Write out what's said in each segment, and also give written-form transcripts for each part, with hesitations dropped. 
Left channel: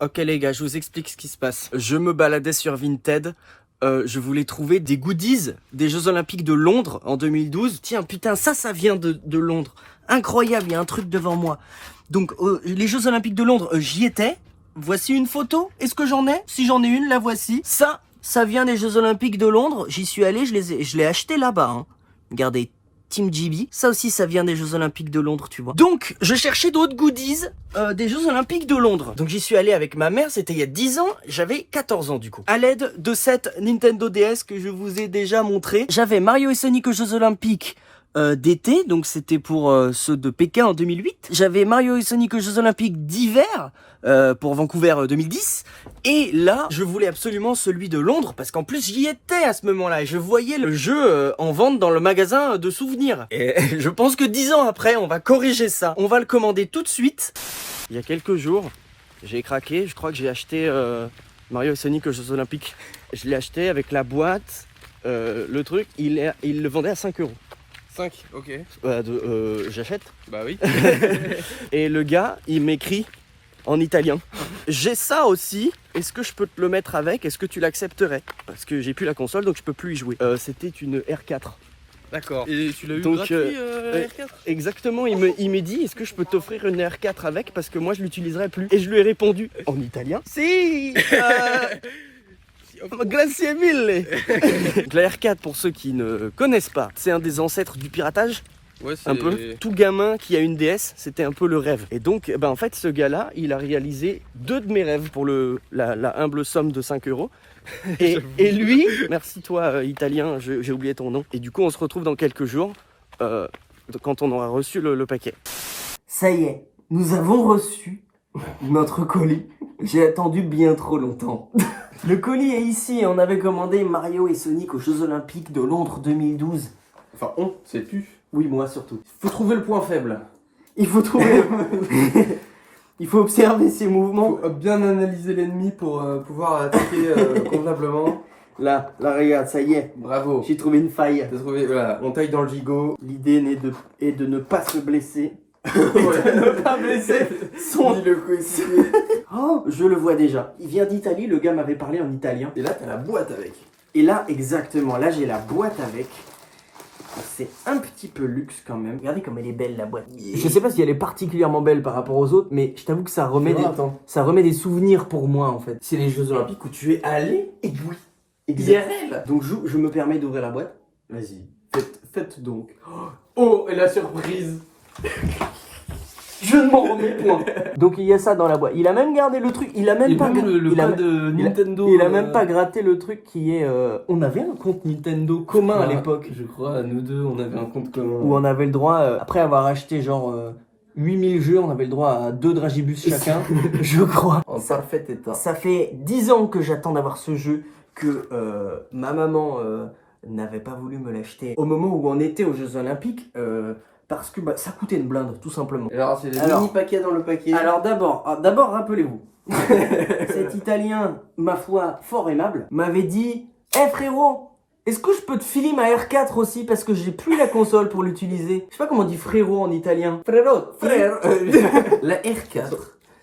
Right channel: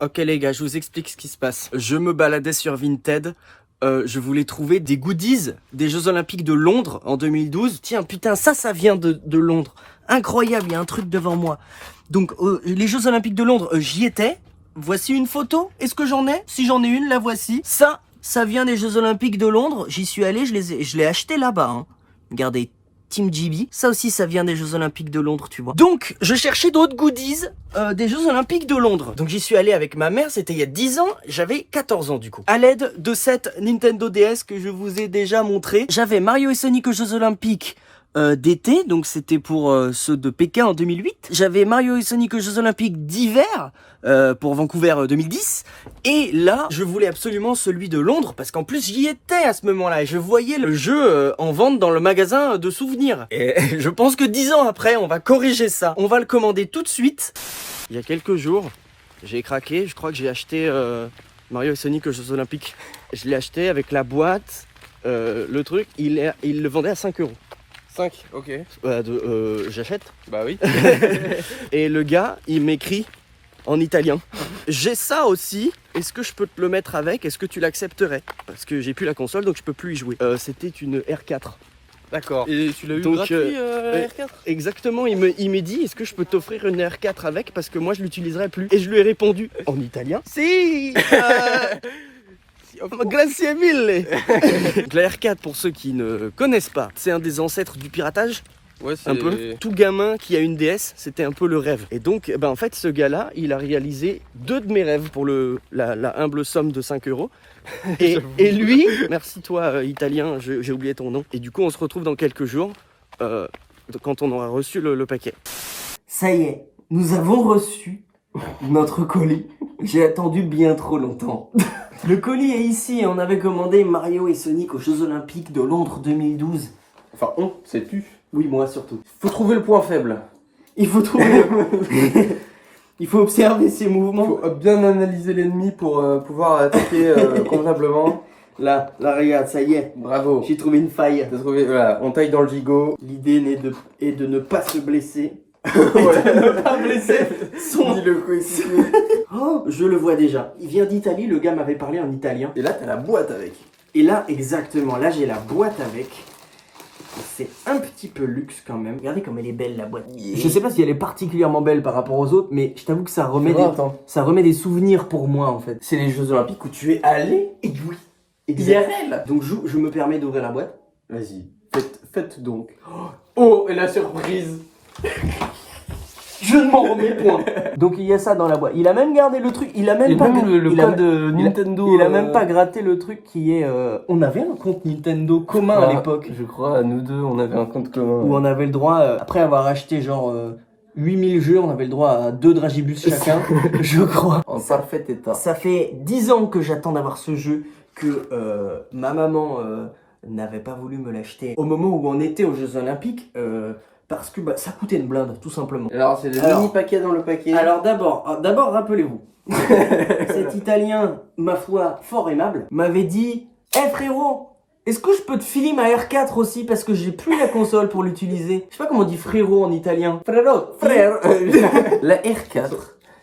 Ok les gars, je vous explique ce qui se passe. Je me baladais sur Vinted. Je voulais trouver des goodies des Jeux Olympiques de Londres en 2012. Tiens, putain, ça vient de Londres. Incroyable, il y a un truc devant moi. Donc, les Jeux Olympiques de Londres, j'y étais. Voici une photo. Est-ce que j'en ai? Si j'en ai une, la voici. Ça vient des Jeux Olympiques de Londres. J'y suis allé, je l'ai acheté là-bas. Hein. Regardez, Team GB. Ça aussi, ça vient des Jeux Olympiques de Londres, tu vois. Donc, je cherchais d'autres goodies des Jeux Olympiques de Londres. Donc, j'y suis allé avec ma mère. C'était il y a 10 ans. J'avais 14 ans, du coup. À l'aide de cette Nintendo DS que je vous ai déjà montré, j'avais Mario et Sonic aux Jeux Olympiques d'été. Donc, c'était pour ceux de Pékin en 2008. J'avais Mario et Sonic aux Jeux Olympiques d'hiver pour Vancouver 2010. Et là, je voulais absolument celui de Londres parce qu'en plus j'y étais à ce moment-là et je voyais le jeu en vente dans le magasin de souvenirs. Et je pense que 10 ans après, on va corriger ça. On va le commander tout de suite. Il y a quelques jours, j'ai craqué. Je crois que j'ai acheté Mario et Sonic aux Jeux Olympiques. Je l'ai acheté avec la boîte, le truc. Il le vendait à 5 euros. 5, ok. J'achète. Bah oui. Et le gars, il m'écrit en italien. J'ai ça aussi. Est-ce que je peux te le mettre avec? Est-ce que tu l'accepterais? Parce que j'ai plus la console, donc je peux plus y jouer. C'était une R4. D'accord. Et tu l'as eu Donc, gratuit, R4? Exactement, il me dit, est-ce que je peux t'offrir une R4 avec? Parce que moi, je l'utiliserai plus. Et je lui ai répondu en italien. Si Grazie mille. La R4, pour ceux qui ne connaissent pas, c'est un des ancêtres du piratage. Ouais, c'est Un peu. Tout gamin qui a une DS, c'était un peu le rêve. Et donc, en fait, ce gars-là, il a réalisé 2 de mes rêves pour la humble somme de 5 euros. Et lui, merci toi, italien, j'ai oublié ton nom. Et du coup, on se retrouve dans quelques jours, quand on aura reçu le paquet. Ça y est, nous avons reçu notre colis. J'ai attendu bien trop longtemps. Le colis est ici et on avait commandé Mario et Sonic aux Jeux Olympiques de Londres 2012. Enfin, c'est tu. Oui, moi surtout. Faut trouver le point faible. Il faut trouver Il faut observer ses mouvements. Faut bien analyser l'ennemi pour pouvoir attaquer convenablement. Là, regarde, ça y est. Bravo. J'ai trouvé une faille. T'as trouvé, voilà, on taille dans le gigot. L'idée est de ne pas se blesser. Et de ne pas blesser son... Dis le coéquipier. Oh, je le vois déjà. Il vient d'Italie, le gars m'avait parlé en italien. Et là, t'as la boîte avec. Et là, exactement, là j'ai la boîte avec. C'est un petit peu luxe quand même. Regardez comme elle est belle la boîte. Je sais pas si elle est particulièrement belle par rapport aux autres, mais je t'avoue que ça remet, ça remet des souvenirs pour moi en fait. C'est les Jeux Olympiques où tu es allé. Et oui, IRL. Donc je me permets d'ouvrir la boîte. Vas-y, faites donc. Oh, et la surprise. Je ne m'en remets point. Donc il y a ça dans la boîte. Il a même gardé le truc. Il a même pas Nintendo. Il a même pas gratté le truc qui est. On avait un compte Nintendo commun à l'époque. Je crois, nous deux, on avait un compte commun. Où on avait le droit, après avoir acheté genre 8000 jeux, on avait le droit à 2 Dragibus chacun, je crois. En parfait état. Ça fait 10 ans que j'attends d'avoir ce jeu, que ma maman n'avait pas voulu me l'acheter au moment où on était aux Jeux Olympiques. Parce que ça coûtait une blinde, tout simplement. Alors, c'est le mini-paquet dans le paquet. Alors d'abord, rappelez-vous, cet Italien, ma foi, fort aimable, m'avait dit « Eh frérot, est-ce que je peux te filer ma R4 aussi parce que j'ai plus la console pour l'utiliser ?» Je sais pas comment on dit frérot en italien. Frérot, frère. La R4,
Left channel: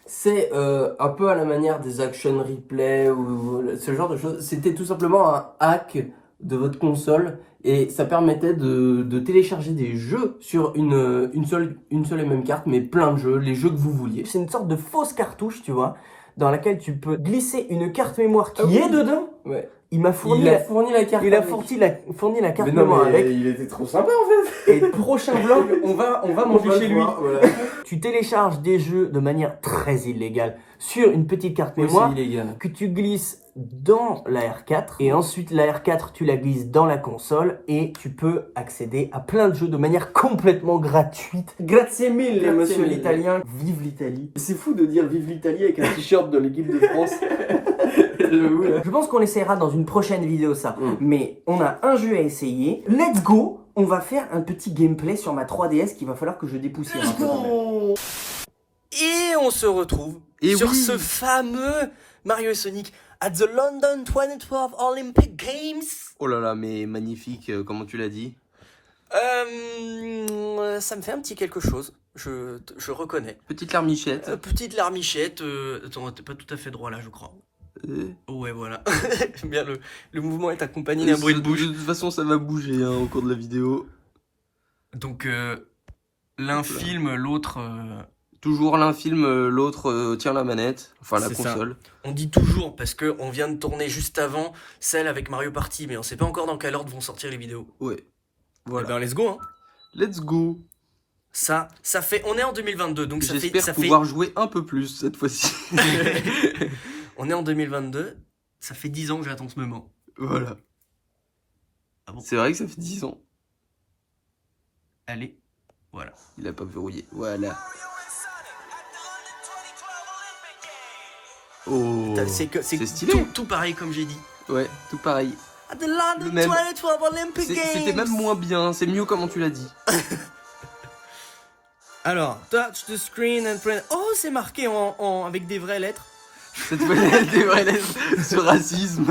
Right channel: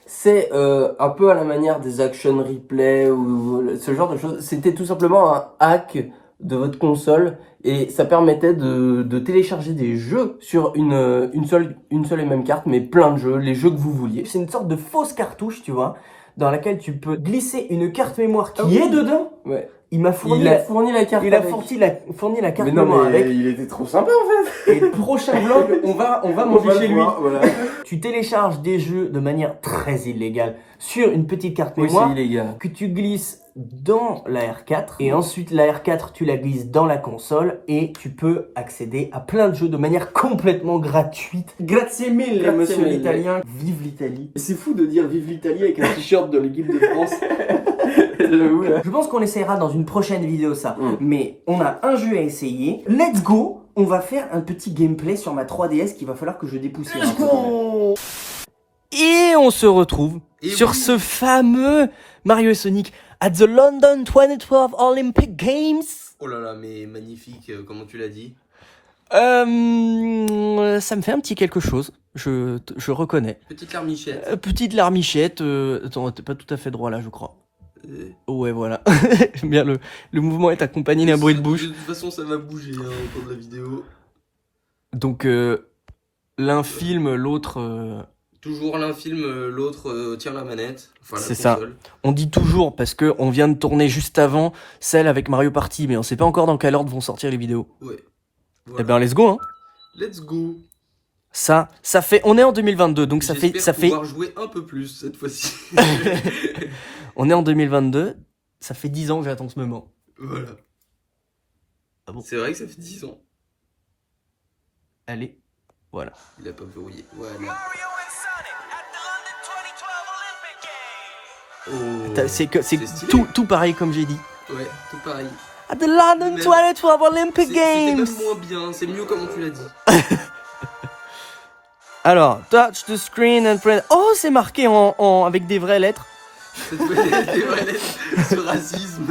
c'est un peu à la manière des action replay ou ce genre de choses. C'était tout simplement un hack de votre console. Et ça permettait de télécharger des jeux sur une seule et même carte, mais plein de jeux, les jeux que vous vouliez. C'est une sorte de fausse cartouche, tu vois, dans laquelle tu peux glisser une carte mémoire qui est dedans. Ouais. Il m'a fourni la carte. Il a fourni la carte mémoire avec. Il était trop sympa en fait. Et prochain vlog, on va manger chez lui. Voilà. Tu télécharges des jeux de manière très illégale sur une petite carte mémoire que tu glisses dans la R4 et ensuite la R4 tu la glisses dans la console et tu peux accéder à plein de jeux de manière complètement gratuite. Grazie mille, monsieur l'italien. Vive l'Italie. C'est fou de dire vive l'Italie avec un t-shirt de l'équipe de France. Je pense qu'on essaiera dans une prochaine vidéo ça. Mais on a un jeu à essayer. Let's go. On va faire un petit gameplay sur ma 3DS qu'il va falloir que je dépoussière un peu quand même. Et on se retrouve sur ce fameux Mario et Sonic at the London 2012 Olympic Games. Oh là là, mais magnifique, comment tu l'as dit? Ça me fait un petit quelque chose. je reconnais. Petite larmichette. Petite larmichette. Attends, t'es pas tout à fait droit là, je crois. Ouais, voilà. Bien, le mouvement est accompagné d'un bruit de bouche. De toute façon, ça va bouger au cours de la vidéo. Donc, l'un filme, l'autre... Toujours l'un filme, l'autre tient la manette. Enfin, la console. Ça. On dit toujours, parce que on vient de tourner juste avant celle avec Mario Party, mais on sait pas encore dans quel ordre vont sortir les vidéos. Ouais. Voilà. Eh ben, let's go, hein. Let's go. Ça fait... On est en 2022, donc ça fait... J'espère pouvoir jouer un peu plus cette fois-ci. On est en 2022, ça fait 10 ans que j'attends ce moment. Voilà. Ah bon. C'est vrai que ça fait 10 ans. Allez, voilà. Il a pas verrouillé. Voilà. Oh, c'est stylé. tout pareil comme j'ai dit. Ouais, tout pareil. At the London 2012 Olympic Games. C'était même moins bien, c'est mieux comment tu l'as dit. Alors, touch the screen and press... Oh, c'est marqué avec des vraies lettres. C'est des vraies lettres sur racisme.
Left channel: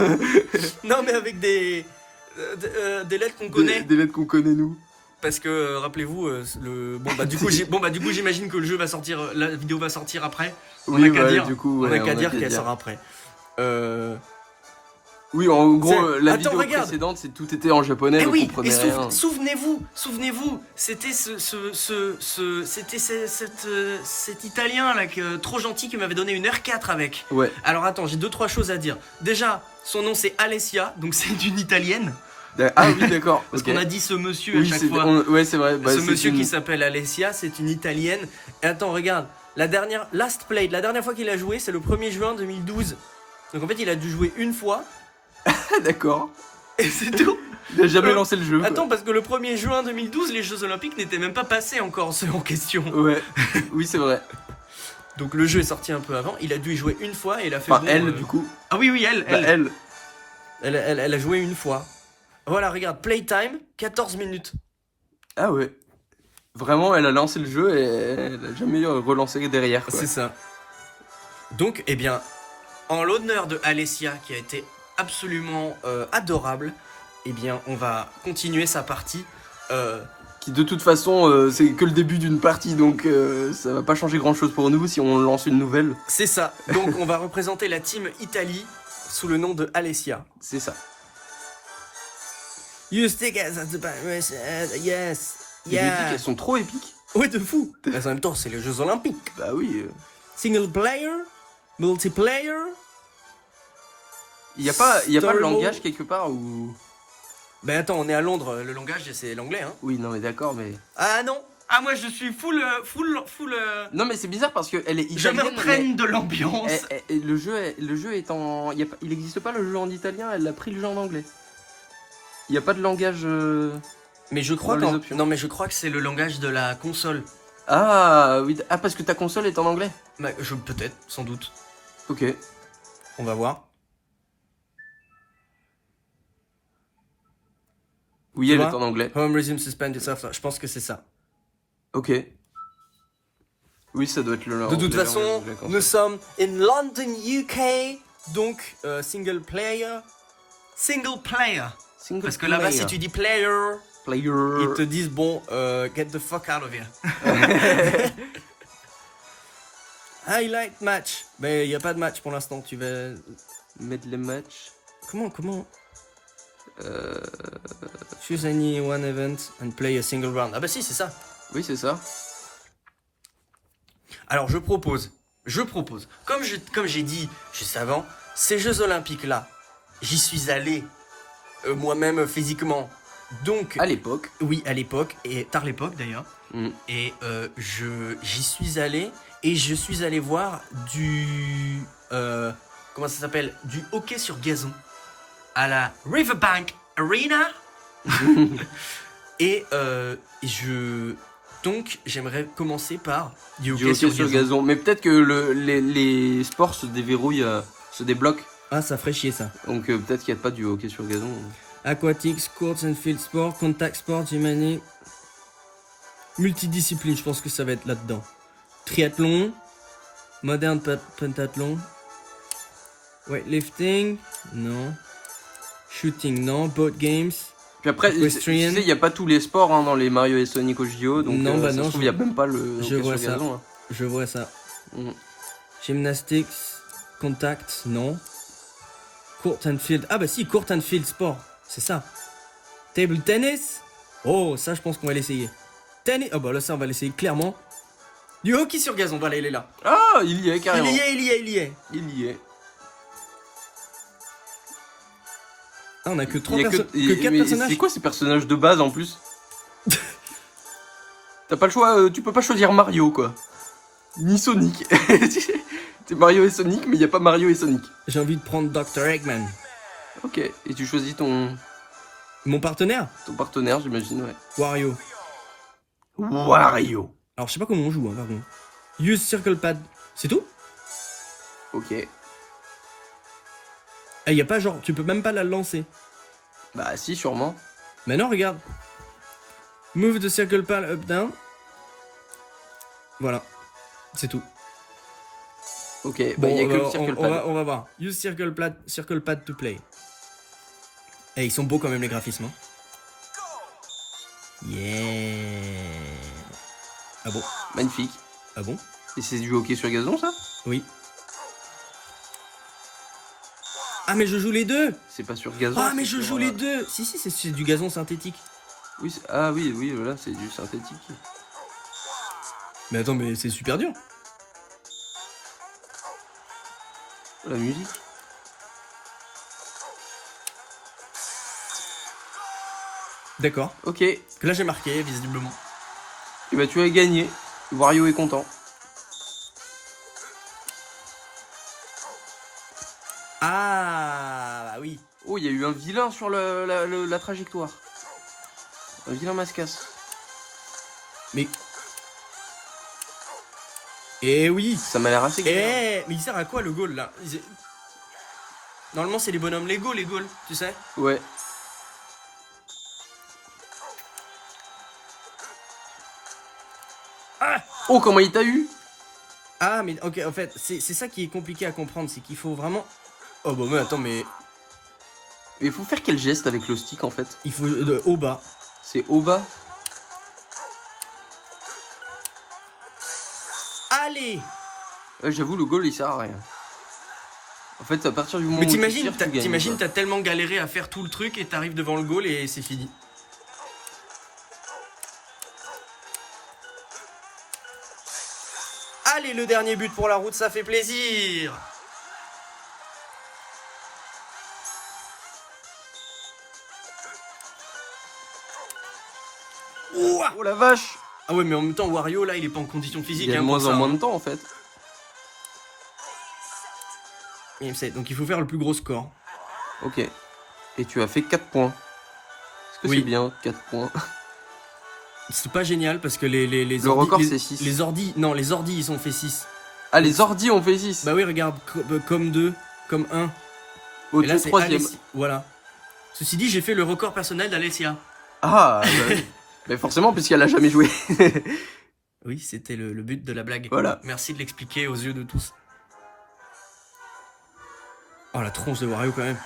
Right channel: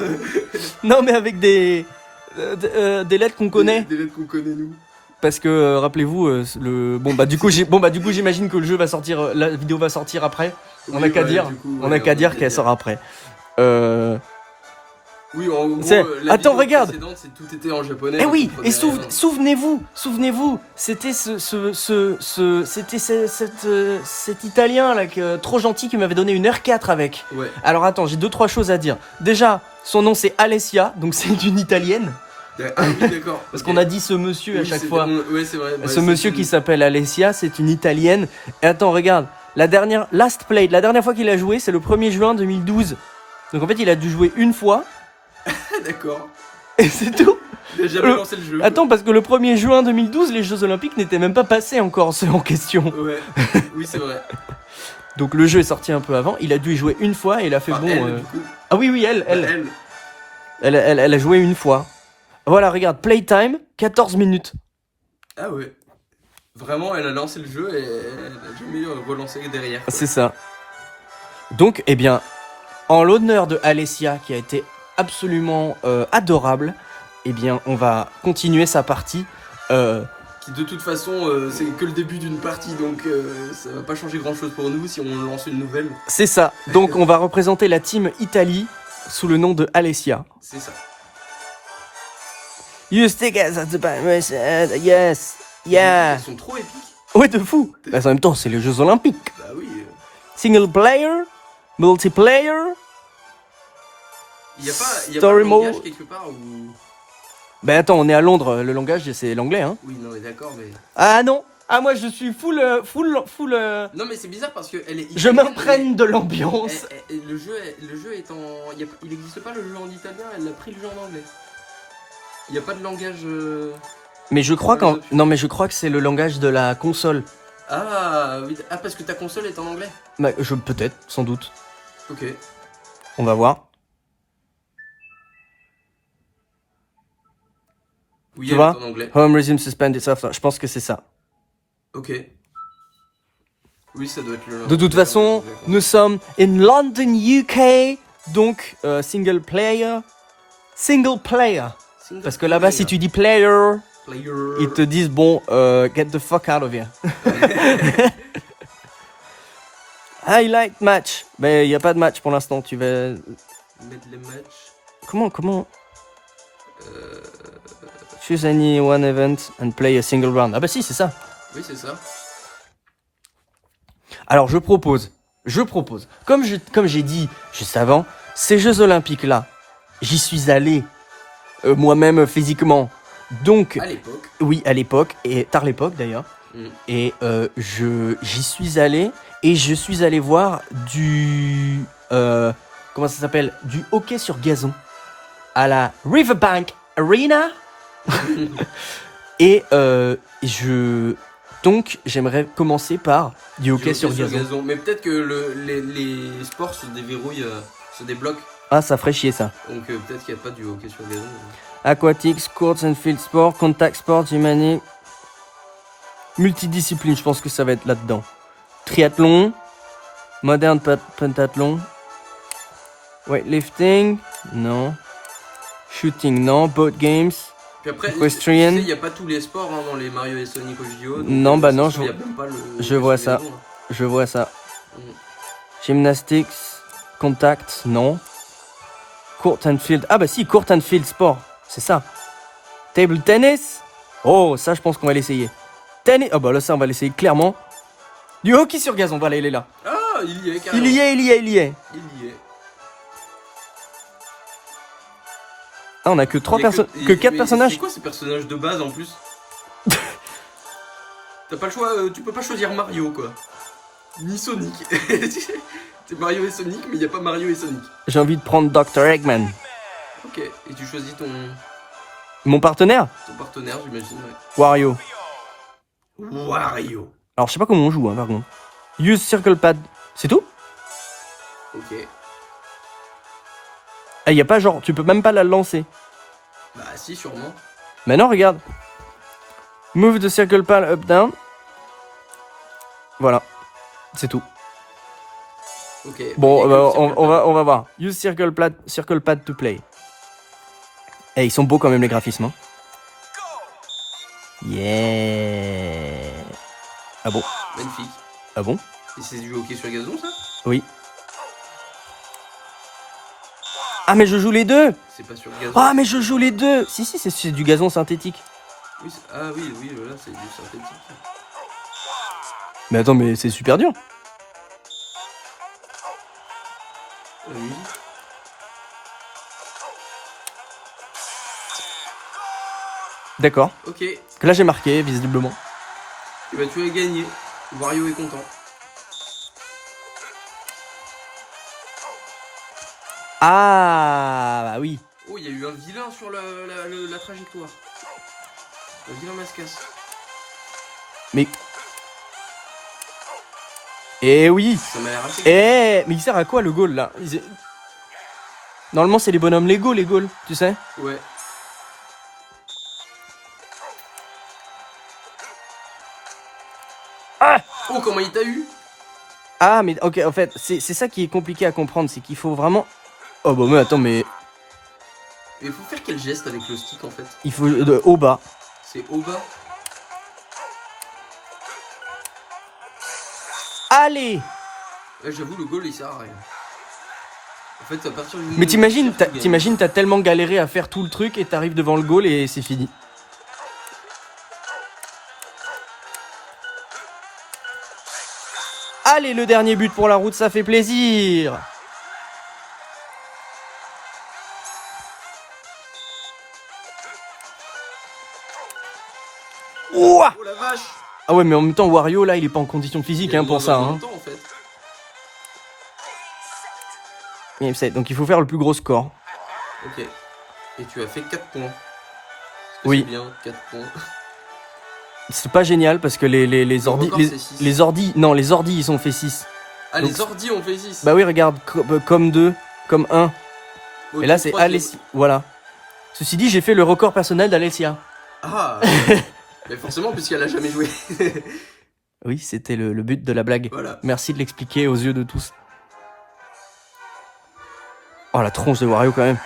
Non, mais avec des lettres qu'on connaît. Des lettres qu'on connaît, nous. Parce que, rappelez-vous, du coup, j'imagine que le jeu va sortir, la vidéo va sortir après. On n'a qu'à dire qu'elle sort après. Oui, en gros, la vidéo regarde. précédente, tout était en japonais. Eh oui, et souvenez-vous, c'était c'était cet Italien là trop gentil qui m'avait donné une R4 avec. Ouais. Alors attends, j'ai 2-3 choses à dire. Déjà, son nom c'est Alessia, donc c'est une Italienne. Ah oui, d'accord. Parce qu'on a dit ce monsieur à chaque fois. Ouais, c'est vrai. Ce monsieur qui s'appelle Alessia, c'est une Italienne. Et attends, regarde, la dernière fois qu'il a joué, c'est le 1er juin 2012. Donc en fait, il a dû jouer une fois. D'accord. Et c'est tout. Il a jamais lancé le jeu. Attends, parce que le 1er juin 2012, les Jeux Olympiques n'étaient même pas passés encore, ceux en question. Ouais, oui, c'est vrai. Donc le jeu est sorti un peu avant, il a dû y jouer une fois et il a fait elle, du coup. Ah oui, elle a joué une fois. Voilà, regarde, playtime, 14 minutes. Ah ouais. Vraiment, elle a lancé le jeu et elle a jamais relancé derrière. Quoi. C'est ça. Donc, eh bien, en l'honneur de Alessia, qui a été absolument adorable, eh bien, on va continuer sa partie. Qui de toute façon, c'est que le début d'une partie, donc ça va pas changer grand-chose pour nous si on lance une nouvelle. C'est ça. Donc, on va représenter la team Italie sous le nom de Alessia. C'est ça. You stick as at the back, yes, yeah. Elles sont trop épiques. Ouais, de fou. Bah, en même temps, c'est les Jeux Olympiques. Bah oui. Single player, multiplayer. Il y a pas de langage quelque part où... Ben attends, on est à Londres, le langage c'est l'anglais, hein. Oui, non mais d'accord, mais... Ah non. Ah moi je suis full. Non mais c'est bizarre parce que elle est italienne. Je m'imprègne de l'ambiance. Le jeu est en... Il n'existe pas le jeu en italien, elle a pris le jeu en anglais. Il n'y a pas de langage... Mais je crois je crois que c'est le langage de la console. Ah oui, parce que ta console est en anglais. Bah, peut-être, sans doute. Ok. On va voir. Oui, tu elle vois est en anglais. Home resume suspended software. Je pense que c'est ça. Ok. Oui, ça doit être le... De toute façon, nous sommes in London, UK. Donc, single player. Parce que là-bas, si tu dis player, ils te disent, bon, get the fuck out of here. Highlight match. Ben, il n'y a pas de match pour l'instant. Tu vas mettre les matchs. Comment Choose any one event and play a single round. Ah bah si, c'est ça. Oui, c'est ça. Alors, je propose. Comme j'ai dit juste avant, ces Jeux Olympiques-là, j'y suis allé moi-même physiquement. Donc, à l'époque. Oui, à l'époque, et tard l'époque d'ailleurs. Et j'y suis allé, et je suis allé voir du... comment ça s'appelle? Du hockey sur gazon. À la Riverbank Arena. Et donc, j'aimerais commencer par du hockey sur gazon. Mais peut-être que les sports se déverrouillent, se débloquent. Ah, ça ferait chier ça. Donc peut-être qu'il n'y a pas du hockey sur gazon. Aquatics, courts and field sport, contact sport, humanique. Multidiscipline, je pense que ça va être là-dedans. Triathlon. Modern pentathlon. Weightlifting. Non. Shooting, non. Boat games. Puis après, Equestrian. il n'y a pas tous les sports hein, dans les Mario et Sonic au JO. Donc, Non, bah non, il n'y a même pas le. je vois ça. gazon, hein. Je vois ça. Mm. Gymnastics, contact, non. Court and field. Ah bah si, court and field sport. C'est ça. Table tennis. Oh, ça je pense qu'on va l'essayer. Tennis. Oh bah là ça on va l'essayer clairement. Du hockey sur gazon, voilà, il est là. Ah, il y est carrément. Il y est. Il y est. Ah, on a que Il y a 4 personnages. C'est quoi ces personnages de base en plus? T'as pas le choix, tu peux pas choisir Mario quoi. Ni Sonic. C'est Mario et Sonic, mais il n'y a pas Mario et Sonic. J'ai envie de prendre Dr. Eggman. Ok, et tu choisis ton Mon partenaire partenaire, j'imagine, ouais. Wario. Wario. Alors je sais pas comment on joue, hein, par contre. Use circle pad. C'est tout? Ok. Ah, y a pas genre, tu peux même pas la lancer. Bah si, sûrement. Mais non, regarde. Move the circle pad up down. Voilà. C'est tout. Ok. Bon, il y a que le circle on va voir. Use circle pad to play. Eh, ils sont beaux quand même les graphismes. Hein. Yeah. Ah bon? Magnifique. Ah bon? Et c'est du hockey sur gazon ça? Oui. Ah mais je joue les deux. C'est pas sur gazon. Ah mais je joue les deux. Si c'est du gazon synthétique. Oui, ah oui, voilà, c'est du synthétique. Mais attends, mais c'est super dur. La musique. D'accord. Ok. Que là j'ai marqué visiblement. Et bah tu as gagné. Wario est content. Ah bah oui. Oh, il y a eu un vilain sur la trajectoire. Un vilain mascasse. Mais. Eh oui. Ça m'a l'air assez. Eh, mais il sert à quoi le goal là? Normalement c'est les bonhommes Lego les goals, tu sais? Ouais. Ah! Oh, comment il t'a eu? Ah mais ok, en fait c'est ça qui est compliqué à comprendre, c'est qu'il faut vraiment. Oh bah mais attends mais Mais il faut faire quel geste avec le stick en fait? il faut au bas. C'est au bas. Allez. J'avoue, le goal il sert à rien. En fait, à partir du moment Mais où t'imagines, tu tires, tu gagnes. t'imagines, t'as tellement galéré à faire tout le truc et t'arrives devant le goal et c'est fini. Allez, le dernier but pour la route, ça fait plaisir. Ouah. Oh la vache! Ah ouais, mais en même temps, Wario, là, il est pas en condition physique Il y a hein, de pour moins ça. en moins Hein. de temps en fait. Game set. Donc il faut faire le plus gros score. Ok. Et tu as fait 4 points. Est-ce que Oui. c'est bien 4 points? C'est pas génial parce que les Le ordi, record, c'est six. les ordi, non, les ordi, ils ont fait 6. Ah, Donc, les ordis ont fait 6. Bah oui, regarde, comme 2, comme 1. Ok, Et là, c'est troisième. Alessia. Voilà. Ceci dit, j'ai fait le record personnel d'Alessia. Ah! Mais forcément, puisqu'elle a jamais joué. Oui, c'était le but de la blague. Voilà. Merci de l'expliquer aux yeux de tous. Oh, la tronche de Wario quand même.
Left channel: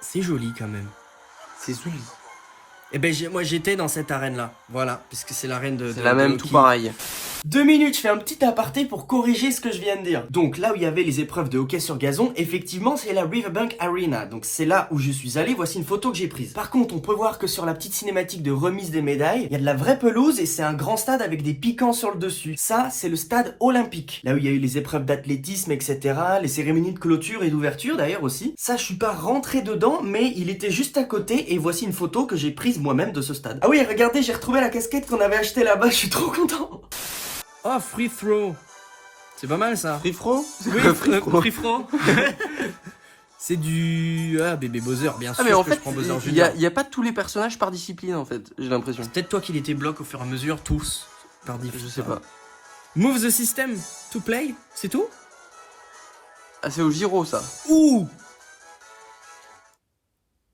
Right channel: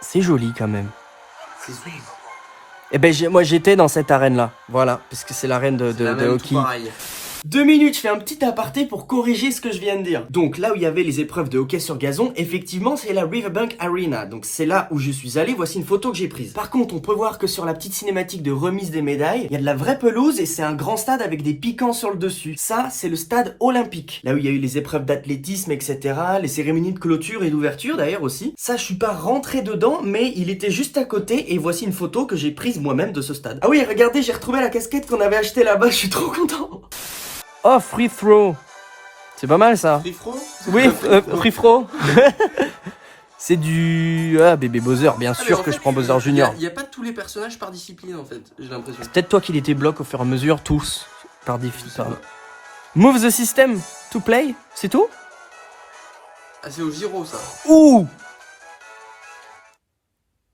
C'est joli quand même. C'est joli. Eh ben, moi j'étais dans cette arène-là. Voilà, parce que c'est l'arène de C'est la même, tout hockey. pareil. 2 minutes, je fais un petit aparté pour corriger ce que je viens de dire. Donc là où il y avait les épreuves de hockey sur gazon, effectivement c'est la Riverbank Arena. Donc c'est là où je suis allé, voici une photo que j'ai prise. Par contre, on peut voir que sur la petite cinématique de remise des médailles, il y a de la vraie pelouse et c'est un grand stade avec des piquants sur le dessus. Ça, c'est le stade olympique. Là où il y a eu les épreuves d'athlétisme, etc. Les cérémonies de clôture et d'ouverture d'ailleurs aussi. Ça, je suis pas rentré dedans, mais il était juste à côté et voici une photo que j'ai prise moi-même de ce stade. Ah oui, regardez, j'ai retrouvé la casquette qu'on avait achetée là-bas, je suis trop content. Oh, free throw. C'est pas mal ça. Free throw? Oui, free throw. C'est du... Ah, bébé Bowser, bien sûr que je prends Bowser Junior. Il n'y a pas tous les personnages par discipline en fait, j'ai l'impression. C'est peut-être toi qui les débloques au fur et à mesure, tous. Par Je sais défi. pas. Move the system to play, c'est tout? Ah, c'est au Giro ça. Ouh.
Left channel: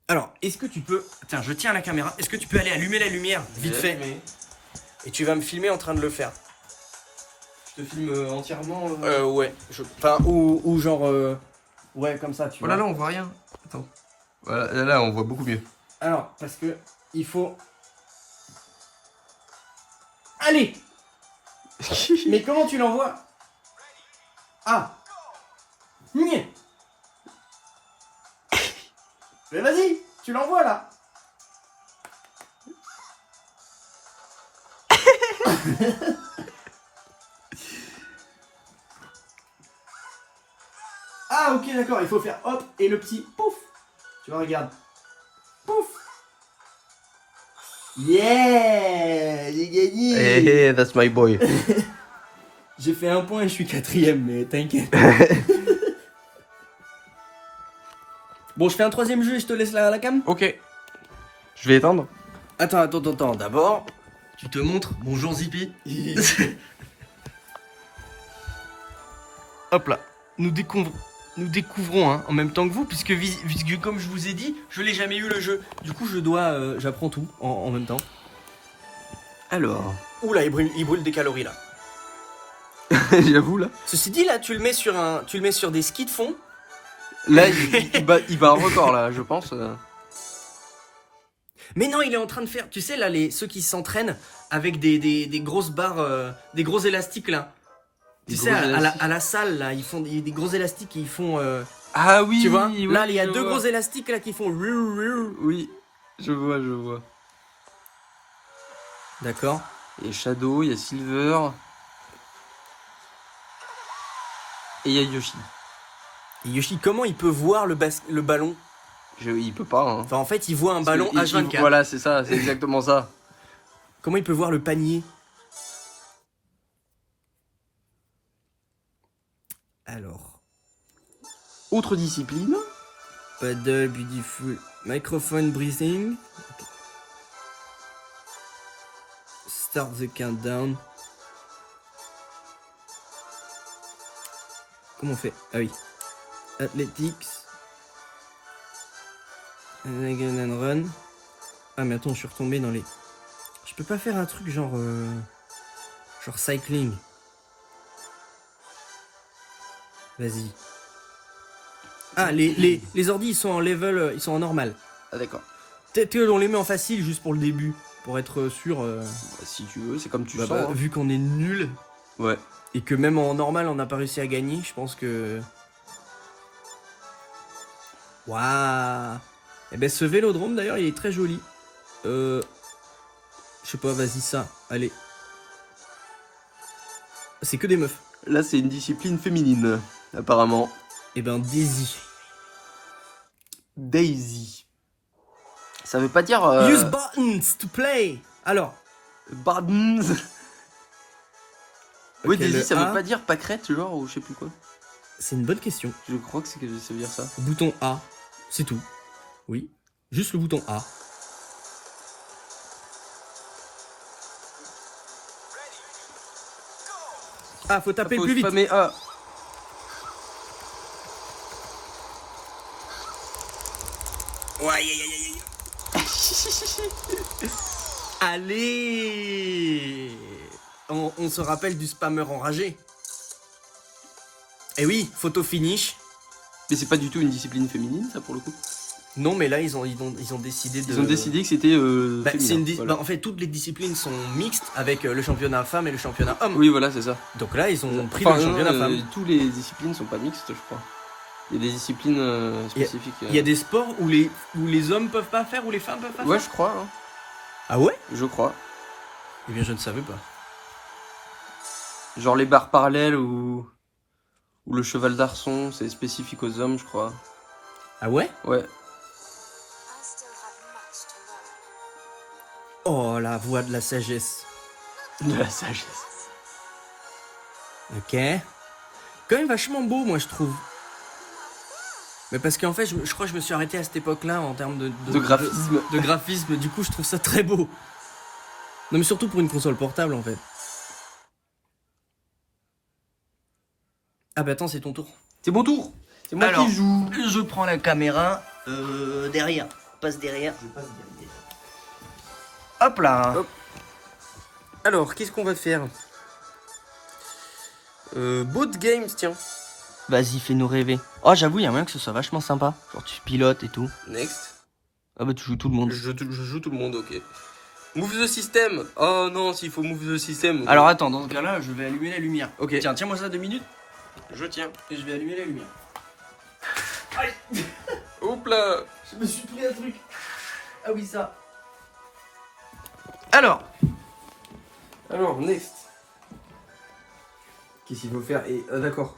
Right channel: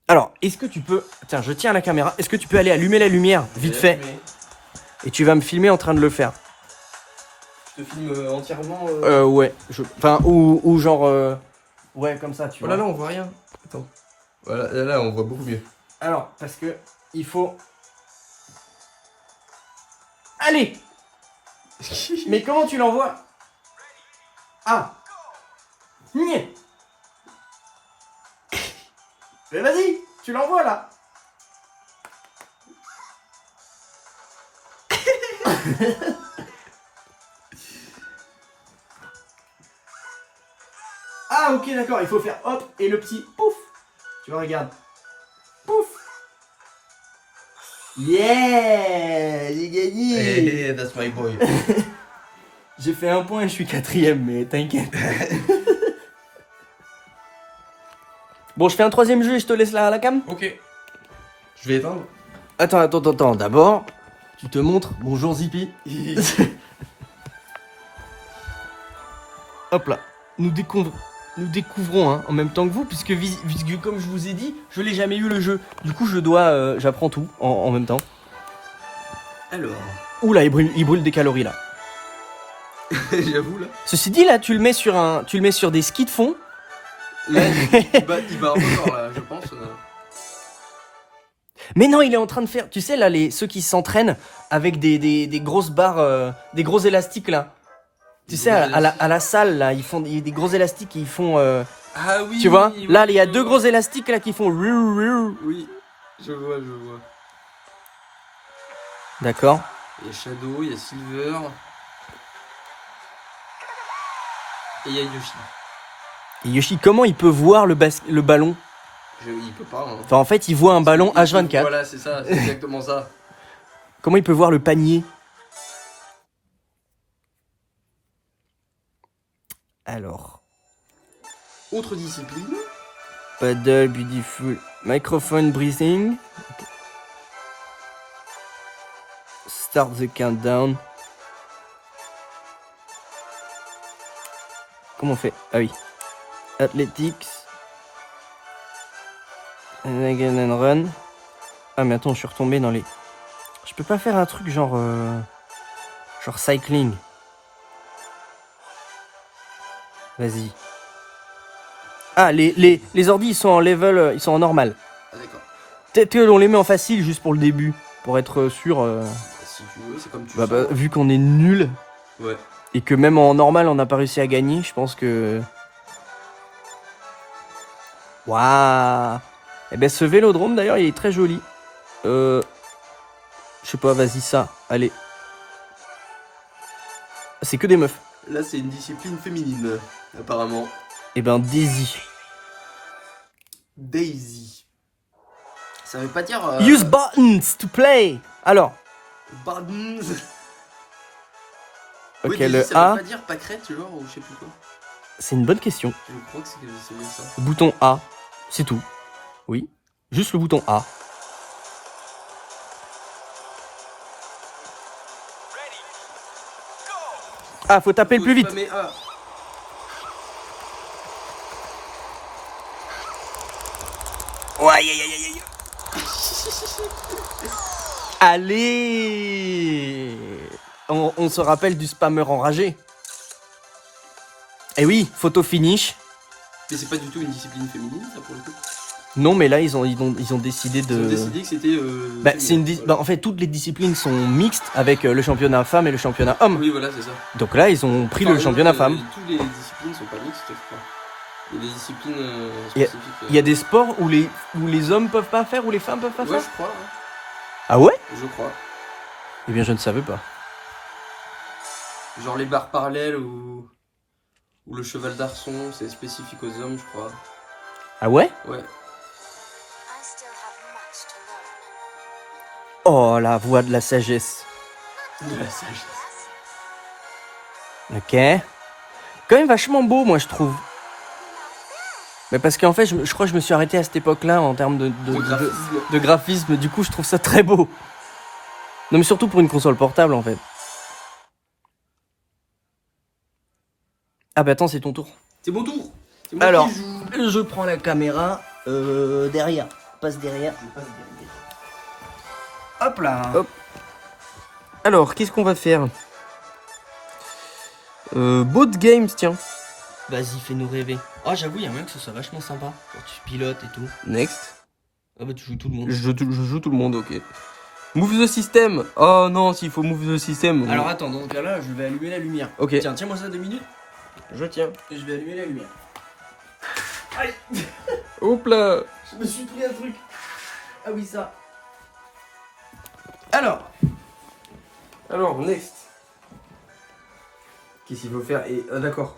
Alors, est-ce que tu peux... Tiens, je tiens la caméra. Est-ce que tu peux aller allumer la lumière, vite fait? Et tu vas me filmer en train de le faire. Je te filme entièrement. Ouais. Enfin, ou genre... Ouais, comme ça, tu Oh vois. là là, on voit rien. Attends. Voilà, et là on voit beaucoup mieux. Alors, parce que il faut... Allez. Mais comment tu l'envoies? Ah. Niais. Mais vas-y, tu l'envoies là. Ah ok d'accord, il faut faire hop et le petit pouf. Tu vois, regarde. Pouf. Yeah, j'ai gagné. Hey, that's my boy. J'ai fait 1 point et je suis 4ème, mais t'inquiète. Bon, je fais un 3ème jeu et je te laisse la cam. Ok. Je vais éteindre. Attends. D'abord, tu te montres. Bonjour Zippy. Hop là. Nous découvrons hein, en même temps que vous, puisque comme je vous ai dit, je l'ai jamais eu le jeu. Du coup, j'apprends tout en même temps. Alors. Oula, il brûle des calories là. J'avoue là. Ceci dit, là, tu le mets sur des skis de fond. Là, il bat un record là, je pense. Mais non, il est en train de faire, tu sais là, ceux qui s'entraînent avec des grosses barres, des gros élastiques là. Tu sais, à la salle là, ils font des gros élastiques, ils font. Ah oui. Tu vois, oui, là, il y a je 2 vois. gros élastiques là qui font. Oui, je vois. D'accord. Il y a Shadow, il y a Silver. Et il y a Yoshi. Et Yoshi, comment il peut voir le ballon? Il peut pas. Hein. Enfin, en fait, il voit un ballon H24. Voilà, c'est ça, c'est exactement ça. Comment il peut voir le panier? Alors. Autre discipline. Paddle, beautiful. Microphone breathing. Okay. Start the countdown. Comment on fait? Ah oui. Athletics. And again and run. Ah mais attends, je suis retombé dans les... Je peux pas faire un truc genre... Genre cycling. Vas-y. Ah, les ordis, ils sont en level... Ils sont en normal. Ah d'accord. Peut-être qu'on les met en facile juste pour le début. Pour être sûr... Si tu veux, c'est comme tu bah, sens. vu qu'on est nul... Ouais. Et que même en normal, on n'a pas réussi à gagner, je pense que... Waouh. Eh ben, ce vélodrome, d'ailleurs, il est très joli. Je sais pas, vas-y, ça. Allez. C'est que des meufs. Là, c'est une discipline féminine, apparemment. Eh ben, Daisy. Daisy. Ça veut pas dire... Use buttons to play. Alors. Buttons. Ok, Oui, Daisy, le ça A. veut pas dire pâquerette, genre, ou je sais plus quoi. C'est une bonne question. Je crois que c'est bien ça. Bouton A. C'est tout. Oui. Juste le bouton A. Ah, faut taper le plus vite. Mais A. Ouais, aïe, aïe, aïe, aïe. Allez. On se rappelle du spammer enragé. Eh oui, photo finish. Mais c'est pas du tout une discipline féminine, ça, pour le coup. Non, mais là, ils ont décidé de... Ils ont décidé que c'était... Bah, c'est une voilà. en fait, toutes les disciplines sont mixtes avec le championnat femme et le championnat homme. Oui, voilà, c'est ça. Donc là, ils ont pris Enfin, le championnat femme. Toutes les disciplines sont pas mixtes, je crois. Il y a des disciplines spécifiques. Il y a des sports où les hommes peuvent pas faire, où les femmes peuvent pas Ouais, faire. je crois. Hein. Ah ouais? Je crois. Eh bien, je ne savais pas. Genre les barres parallèles ou le cheval d'arçon, c'est spécifique aux hommes, je crois. Ah ouais? Ouais. Oh, la voix de la sagesse. De la sagesse. Ok. Quand même vachement beau, moi, je trouve. Mais parce qu'en fait, je crois que je me suis arrêté à cette époque-là en termes de graphisme. de graphisme. Du coup, je trouve ça très beau. Non, mais surtout pour une console portable, en fait. Ah bah attends, c'est ton tour. C'est mon tour. C'est moi Alors, qui joue. je prends la caméra derrière. Passe derrière. Hop là. Hop. Alors, qu'est-ce qu'on va faire Boat Games, tiens. Vas-y, fais-nous rêver. Oh, j'avoue, il y a moyen que ce soit vachement sympa. Genre, tu pilotes et tout. Next. Ah bah, tu joues tout le monde. Je joue tout le monde, ok. Move the system. Oh non, s'il faut move the system. Alors, attends, dans ce cas-là, je vais allumer la lumière. Ok. Tiens, tiens-moi ça 2 minutes. Je tiens. Et je vais allumer la lumière. Allez. Hop là. Je me suis pris un truc. Ah oui, ça. Alors, next. Qu'est-ce qu'il faut faire? Et d'accord.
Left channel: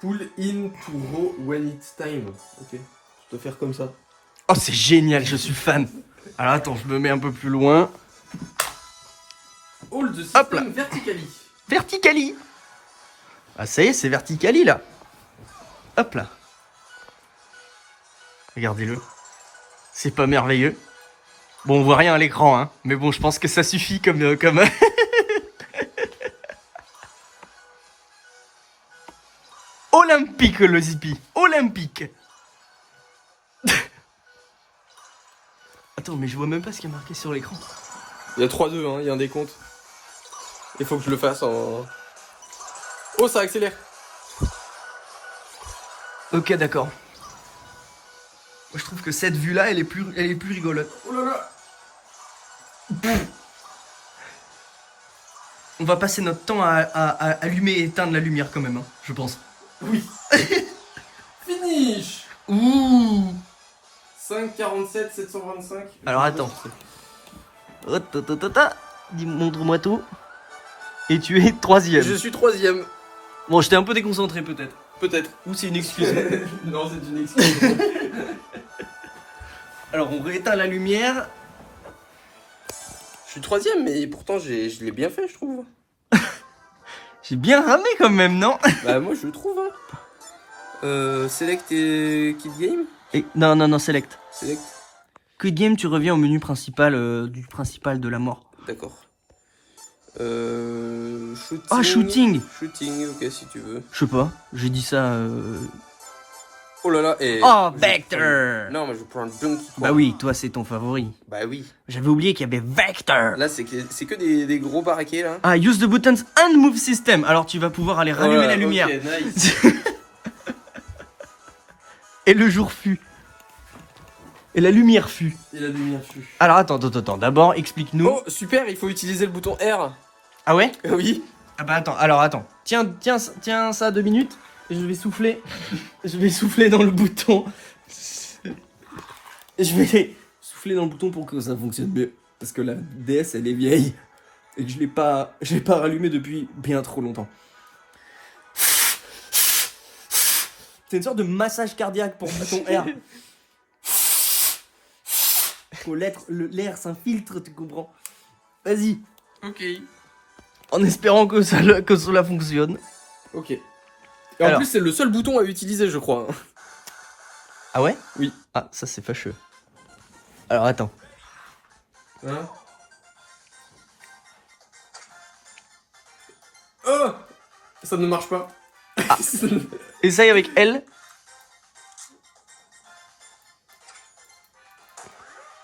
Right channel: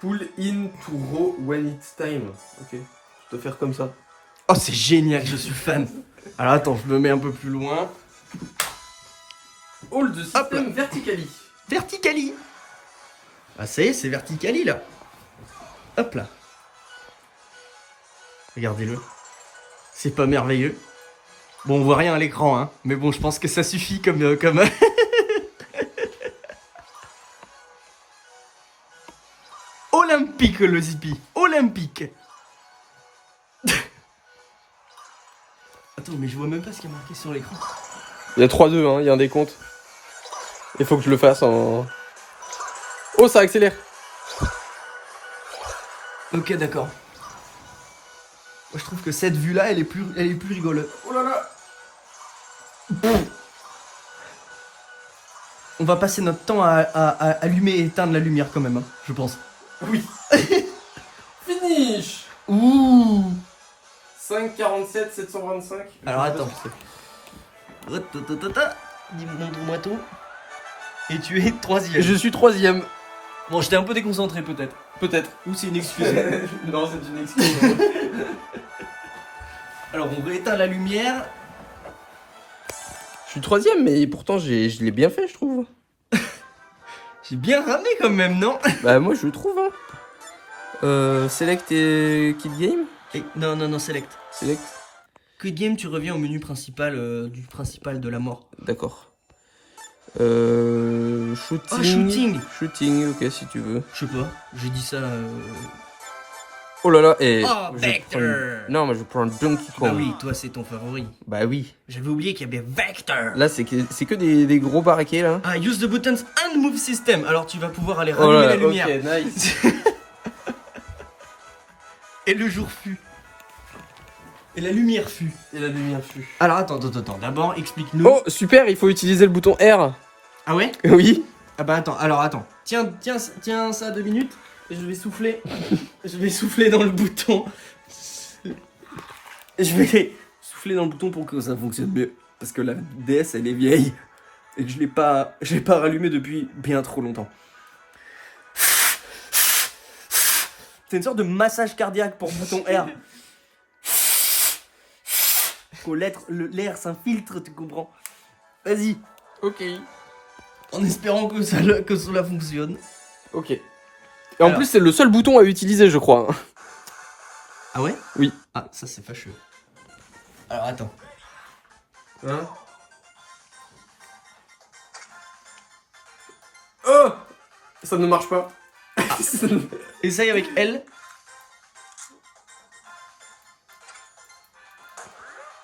Pull in to row when it's time. Ok. Je peux faire comme ça. oh, c'est génial, je suis fan. Alors, attends, je me mets un peu plus loin. Hold the Hop là. system vertically. Verticali. Ah, ça y est, c'est Verticali, là. Hop là. Regardez-le. C'est pas merveilleux. Bon, on voit rien à l'écran, hein. Mais bon, je pense que ça suffit comme... Olympique, le Zippy. Olympique. Attends, mais je vois même pas ce qui est marqué sur l'écran. Il y a 3-2, hein. Il y a un décompte. Il faut que je le fasse en... Oh, ça accélère. Ok, d'accord. Moi, je trouve que cette vue-là, elle est plus rigolote. Oh là là. On va passer notre temps à allumer et éteindre la lumière quand même, hein, je pense. Oui. Finish. Ouh. 5,47, 725. Alors, attends. Dis, montre-moi tout. Et tu es 3ème. Je suis 3ème. Bon, j'étais un peu déconcentré peut-être. Peut-être. Ou c'est une excuse. Non, c'est une excuse. Alors, on rééteint la lumière. Je suis 3ème, mais pourtant je l'ai bien fait, je trouve. J'ai bien ramé quand même, non? Bah moi je trouve. Hein. Select et Kid Game. Et, non, select. Select. Quit game, tu reviens au menu principal du principal de la mort. D'accord. Shooting. Ah, shooting. Shooting, ok si tu veux. Je sais pas, j'ai dit ça. Oh là là. Et Oh, je Vector. prends- Non, mais je prends le Donkey Kong. Bah oui, toi c'est ton favori. Bah oui. J'avais oublié qu'il y avait Vector. Là c'est que des gros baraquets là. Ah, use the buttons and move system. Alors tu vas pouvoir aller rallumer la lumière. Ok, nice. Et le jour fut. Et la lumière fut. Et la lumière fut. Alors attends. D'abord, explique-nous. Oh super, il faut utiliser le bouton R. Ah ouais? Oui. Ah bah attends. Tiens ça 2 minutes. Et je vais souffler. Je vais souffler dans le bouton. Je vais souffler dans le bouton pour que ça fonctionne mieux. Parce que la DS elle est vieille. Et que je l'ai pas rallumée depuis bien trop longtemps. C'est une sorte de massage cardiaque pour bouton R. Faut l'air s'infiltre, tu comprends? Vas-y. Ok. En espérant que cela fonctionne. Ok. Et en Alors. plus c'est le seul bouton à utiliser je crois. Ah ouais? Oui. Ah, ça c'est fâcheux. Alors attends. Hein? Oh! Ça ne marche pas. Ah. Essaye avec L.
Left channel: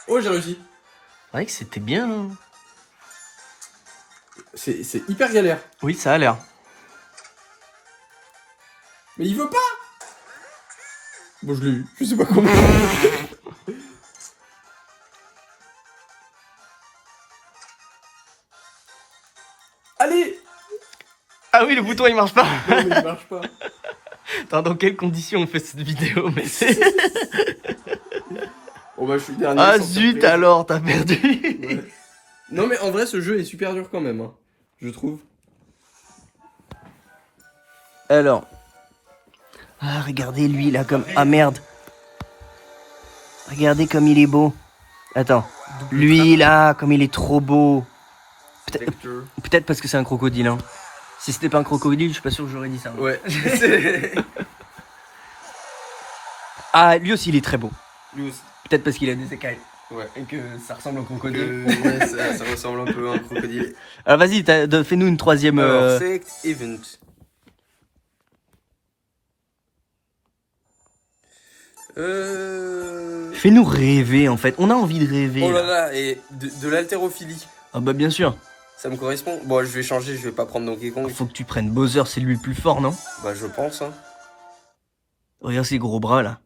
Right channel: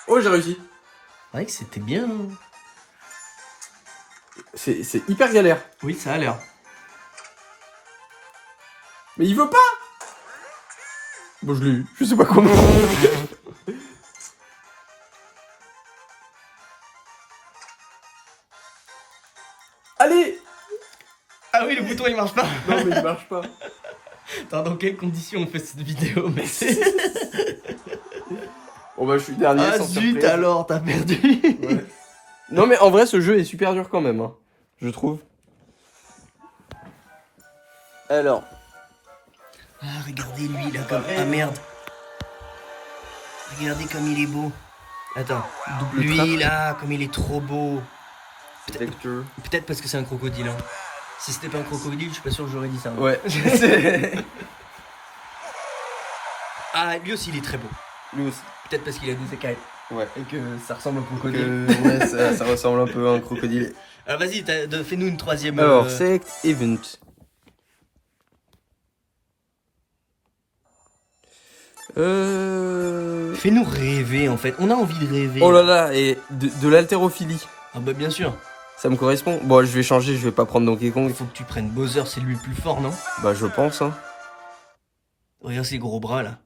Oh, j'ai réussi. C'est vrai que c'était bien. Hein. C'est hyper galère. Oui, ça a l'air. Mais il veut pas! Bon, je l'ai eu. Je sais pas comment. Allez! Ah oui, le bouton il marche pas. Non, mais il marche pas. Attends, dans quelles conditions on fait cette vidéo? Mais c'est... Bon, bah, je suis dernier. Ah sans zut surprise. alors, t'as perdu. Ouais. Non, mais en vrai, ce jeu est super dur quand même, hein, je trouve. Alors. Ah, regardez lui là comme... Ah merde. Regardez comme il est beau. Attends. Lui là, comme il est trop beau. Peut-être parce que c'est un crocodile. Hein. Si c'était pas un crocodile, je suis pas sûr que j'aurais dit ça. Hein. Ouais. Ah, lui aussi il est très beau. Lui aussi. Peut-être parce qu'il a des écailles. Ouais. Et que ça ressemble au crocodile. Ouais, ça ressemble un peu à un crocodile. Alors vas-y, fais-nous une troisième... Alors, select event. Fais-nous rêver en fait. On a envie de rêver. Oh là là, et de l'haltérophilie. Ah bah bien sûr. Ça me correspond. Bon, je vais changer, je vais pas prendre Donkey Kong. Faut que tu prennes Bowser, c'est lui le plus fort, non? Bah, je pense, hein. Regarde ses gros bras là.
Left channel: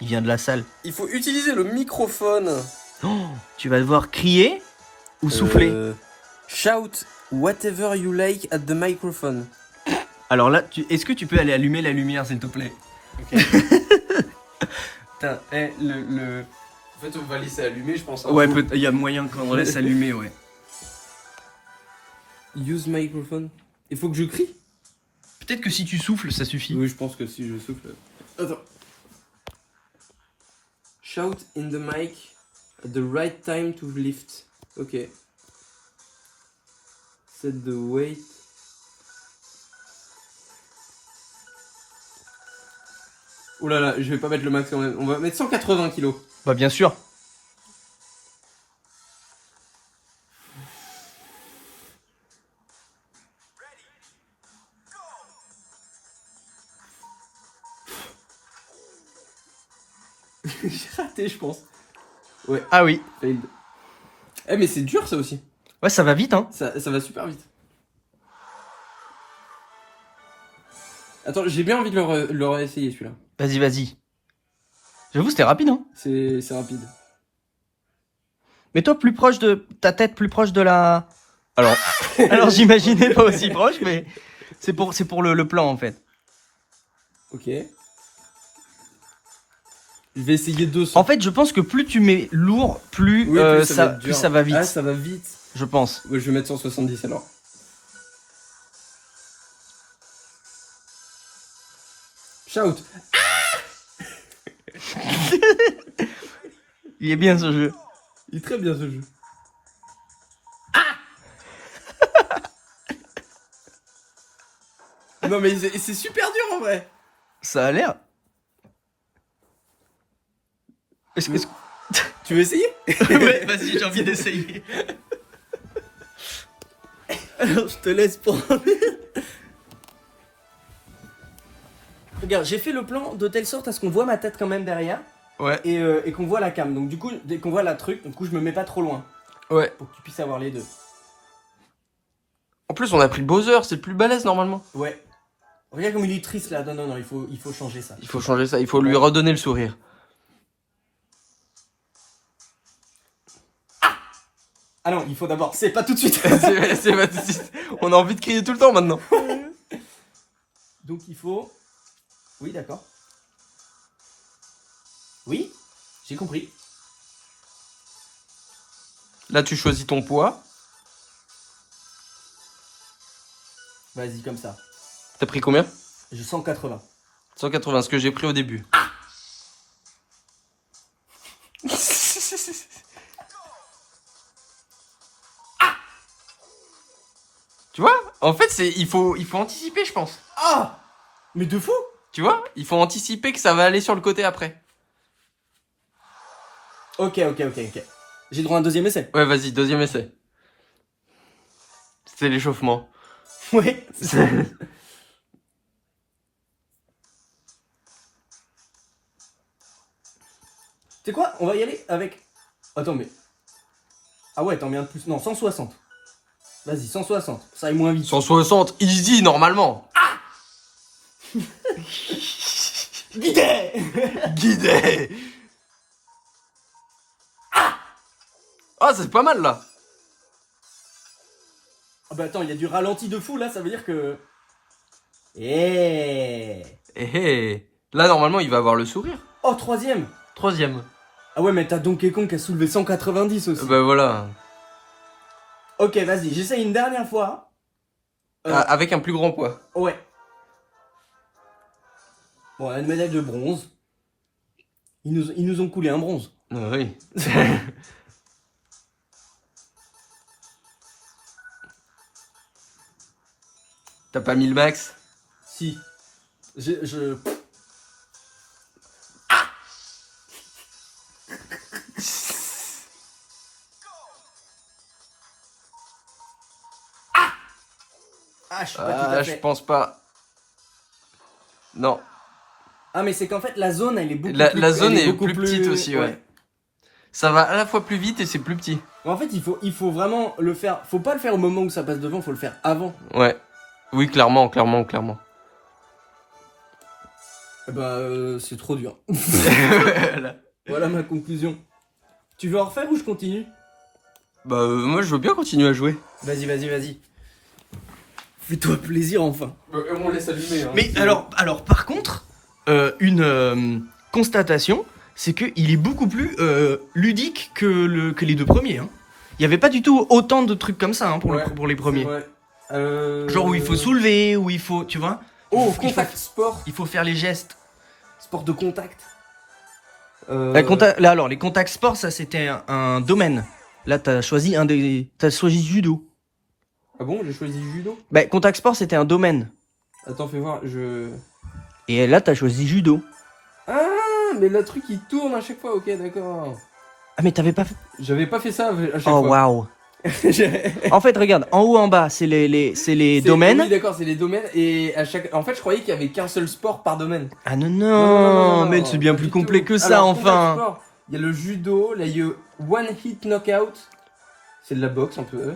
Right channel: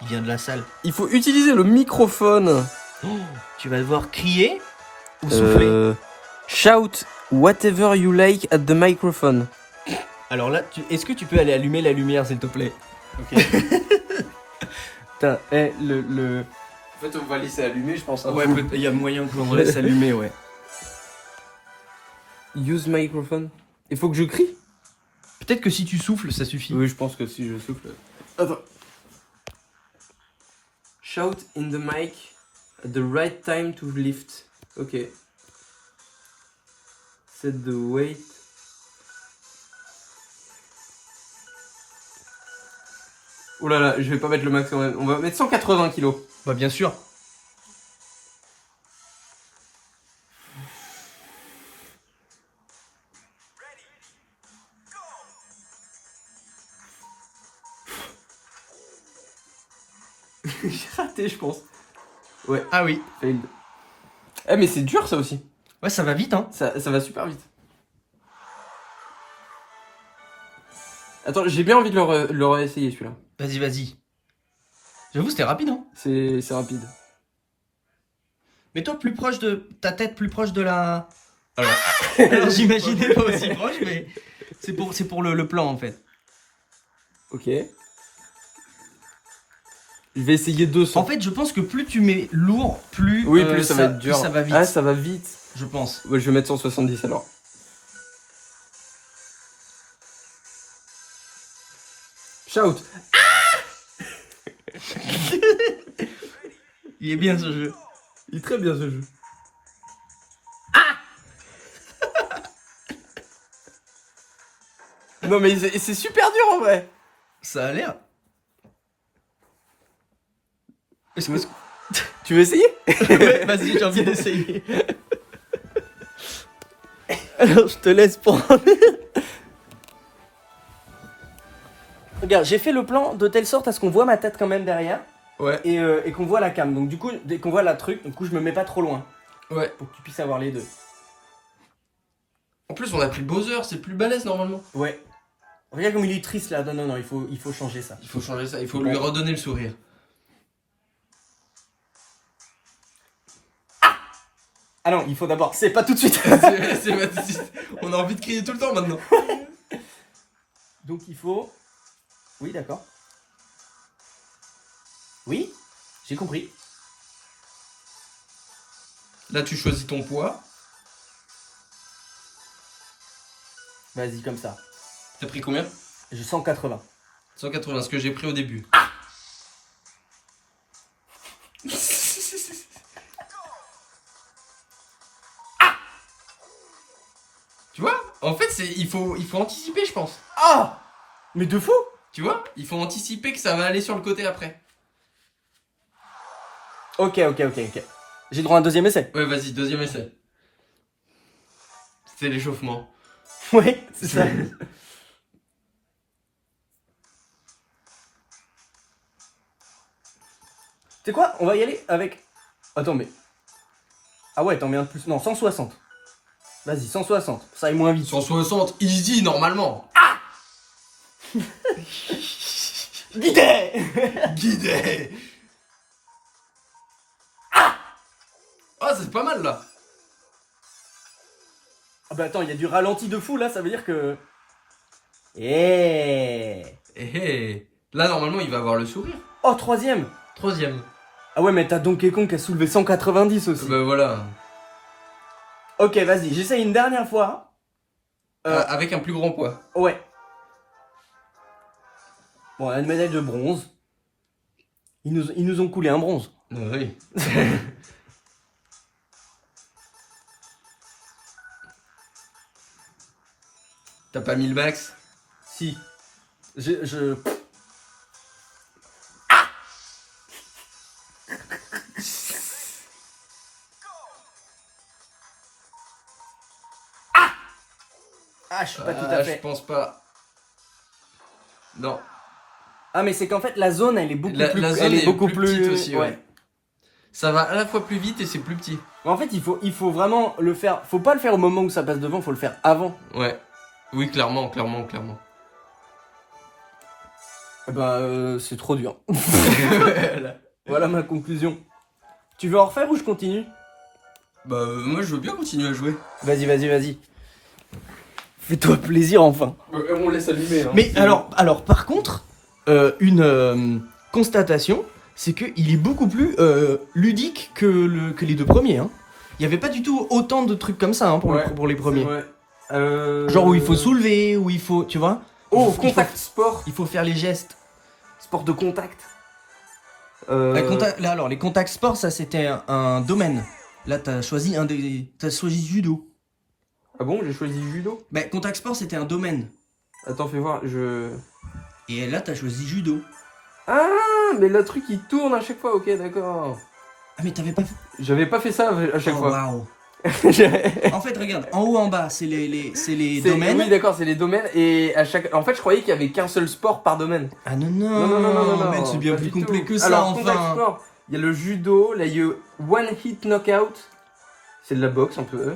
Il vient de la salle. Il faut utiliser le microphone. Oh, tu vas devoir crier ou souffler. Shout whatever you like at the microphone. Alors là, est-ce que tu peux aller allumer la lumière, s'il te plaît? Ok. Putain, En fait, on va laisser allumer, je pense. Ouais, il y a moyen qu'on laisse allumer, ouais. Use microphone. Il faut que je crie? Peut-être que si tu souffles, ça suffit. Oui, je pense que si je souffle. Attends. Shout in the mic at the right time to lift. Ok. Set the weight. Oh là là, je vais pas mettre le maximum. On va mettre 180 kilos. Bah bien sûr. J'ai raté, je pense. Ouais. Ah oui. Failed. Eh, mais c'est dur ça aussi. Ouais, ça va vite, hein. Ça va super vite. Attends, j'ai bien envie de le réessayer celui-là. Vas-y, vas-y. J'avoue, c'était rapide, hein. C'est rapide. Mets-toi plus proche de... Ta tête plus proche de la... Alors j'imaginais pas aussi proche, mais... C'est pour le plan, en fait. Ok. Je vais essayer 200. En fait, je pense que plus tu mets lourd, plus, Oui, plus ça, va être dur. plus ça va vite. Ah, ça va vite. Je pense. Ouais, je vais mettre 170 alors. Shout. Il est bien ce jeu. Il est très bien ce jeu. Non mais c'est super dur en vrai. Ça a l'air. Est-ce que... Tu veux essayer? Ouais, vas-y, j'ai envie d'essayer. Alors, je te laisse prendre. Regarde, j'ai fait le plan de telle sorte à ce qu'on voit ma tête quand même derrière. Ouais. Et qu'on voit la cam. Donc du coup, dès qu'on voit la truc, du coup je me mets pas trop loin. Ouais. Pour que tu puisses avoir les deux. En plus on a pris le Bowser, c'est le plus balèze normalement. Ouais. Regarde comme il est triste là. Non, il faut changer ça. Il faut changer ça, il faut lui redonner le sourire. Ah non, il faut d'abord. C'est pas tout de suite. c'est pas tout de suite. On a envie de crier tout le temps maintenant. Donc il faut... Oui, d'accord. Oui, j'ai compris. Là tu choisis ton poids. Vas-y, comme ça. T'as pris combien? J'ai 180. 180, ce que j'ai pris au début. Tu vois? En fait, il faut anticiper, je pense. Ah! Mais de fou! Tu vois? Il faut anticiper que ça va aller sur le côté après. Ok. J'ai droit à un deuxième essai. Ouais, vas-y, deuxième essai. C'était l'échauffement. Ouais, c'est ça. Tu sais quoi? On va y aller avec... Attends, mais... Ah ouais, t'en mets un de plus. Non, 160. Vas-y, 160. Ça aille moins vite. 160, easy, normalement. Guidé! Guidé. Ah, c'est pas mal, là. Ah bah attends, il y a du ralenti de fou là, ça veut dire que... Eh. Là, normalement, il va avoir le sourire. Oh, troisième! Troisième. Ah ouais, mais t'as Donkey Kong qui a soulevé 190 aussi. Bah voilà. Ok, vas-y, j'essaye une dernière fois. Avec un plus grand poids. Ouais. Bon, une médaille de bronze. Ils nous ont coulé un bronze. Oui. T'as pas mis le max? Si. Ah, je suis pas tout à Je fait. pense pas. Non. Ah, mais c'est qu'en fait, la zone, elle est beaucoup plus... La zone elle est beaucoup plus petite aussi, ouais. Ça va à la fois plus vite et c'est plus petit. Mais en fait, il faut vraiment le faire... Faut pas le faire au moment où ça passe devant, faut le faire avant. Ouais. Oui, clairement. C'est trop dur. Voilà. Voilà ma conclusion. Tu veux en refaire ou je continue? Moi je veux bien continuer à jouer. Vas-y. Fais-toi plaisir enfin. On laisse allumer. Hein. Mais alors par contre, une constatation, c'est qu'il est beaucoup plus ludique que les deux premiers. Hein. Il n'y avait pas du tout autant de trucs comme ça hein, pour les premiers. Genre où il faut soulever, où il faut, tu vois. Contact sport. Il faut faire les gestes. Sport de contact. Là, alors, les contacts sports, ça c'était un domaine. Là, t'as choisi judo. Ah bon, j'ai choisi judo? Bah, contact sport, c'était un domaine. Attends, fais voir, Et là, t'as choisi judo. Ah, mais le truc il tourne à chaque fois, ok, d'accord. Ah, mais t'avais pas fait. J'avais pas fait ça à chaque Oh, fois. waouh. En fait, regarde, en haut, en bas, c'est les domaines. Oui, d'accord, c'est les domaines. Et à chaque. En fait, je croyais qu'il y avait qu'un seul sport par domaine. Ah non, mais c'est bien pas plus du complet tout. que ça, Alors, enfin. contact sport, il y a le judo, là il y a one hit knockout. C'est de la boxe un peu.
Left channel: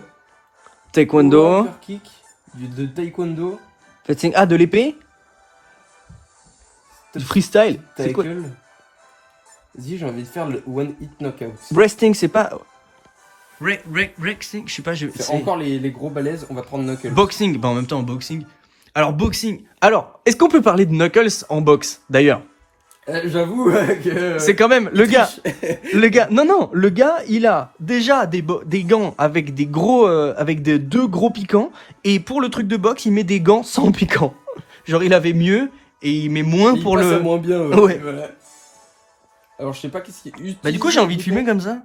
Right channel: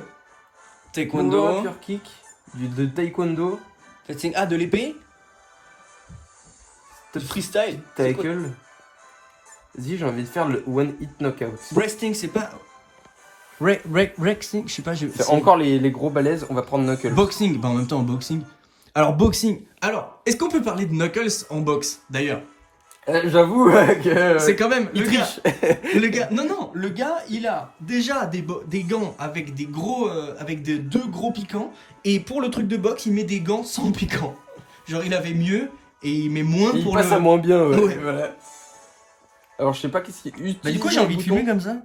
Taekwondo. Upper kick, de taekwondo. Ah, de l'épée. Du freestyle. C'est quoi? Tackle. Vas-y, j'ai envie de faire le one hit knockout. Wrestling, c'est pas. Wrestling, je sais pas. C'est encore les gros balaises, on va prendre knuckle. Boxing, bah en même temps, boxing. Alors, boxing. Alors, est-ce qu'on peut parler de Knuckles en boxe, d'ailleurs? J'avoue que. C'est quand même, le gars, triche. non, le gars, il a déjà des gants avec des gros, avec deux gros piquants, et pour le truc de boxe, il met des gants sans piquant. Genre, il avait mieux, et il met moins Il pour passe le... à moins bien, Ouais. Voilà. Alors, je sais pas qu'est-ce qui est. Bah du coup, j'ai envie de filmer comme ça.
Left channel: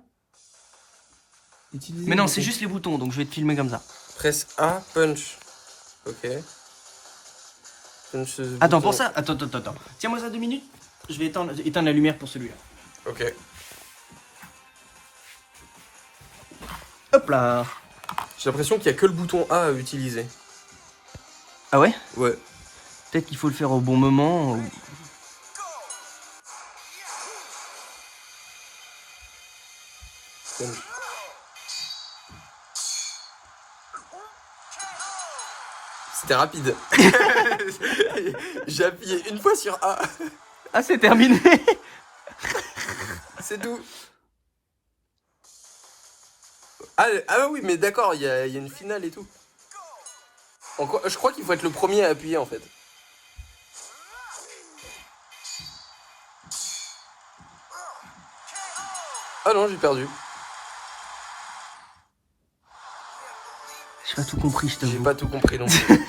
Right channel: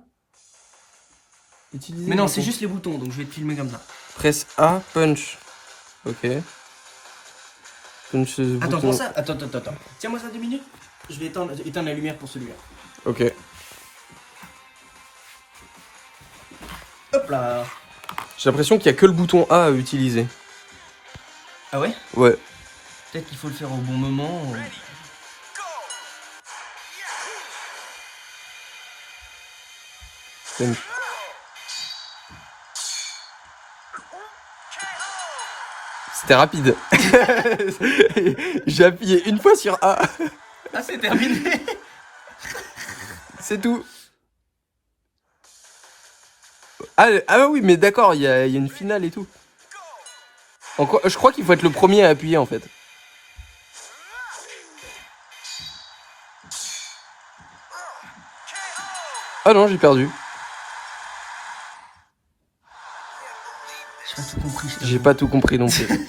Utiliser Mais non, le c'est bouton. juste les boutons, donc je vais te filmer comme ça. Presse A, punch. Ok. Punch, Attends, bouton. pour ça, attends. Tiens-moi ça 2 minutes. Je vais éteindre la lumière pour celui-là. Ok. Hop là. J'ai l'impression qu'il y a que le bouton A à utiliser. Ah ouais? Ouais. Peut-être qu'il faut le faire au bon moment. ou- Punch. C'était rapide. J'ai appuyé une fois sur A. Ah, c'est terminé. C'est tout. Ah oui, mais d'accord, il y a une finale et tout. Je crois qu'il faut être le premier à appuyer en fait. Ah non, j'ai perdu. J'ai pas tout compris, je J'ai t'avoue. pas tout compris non plus.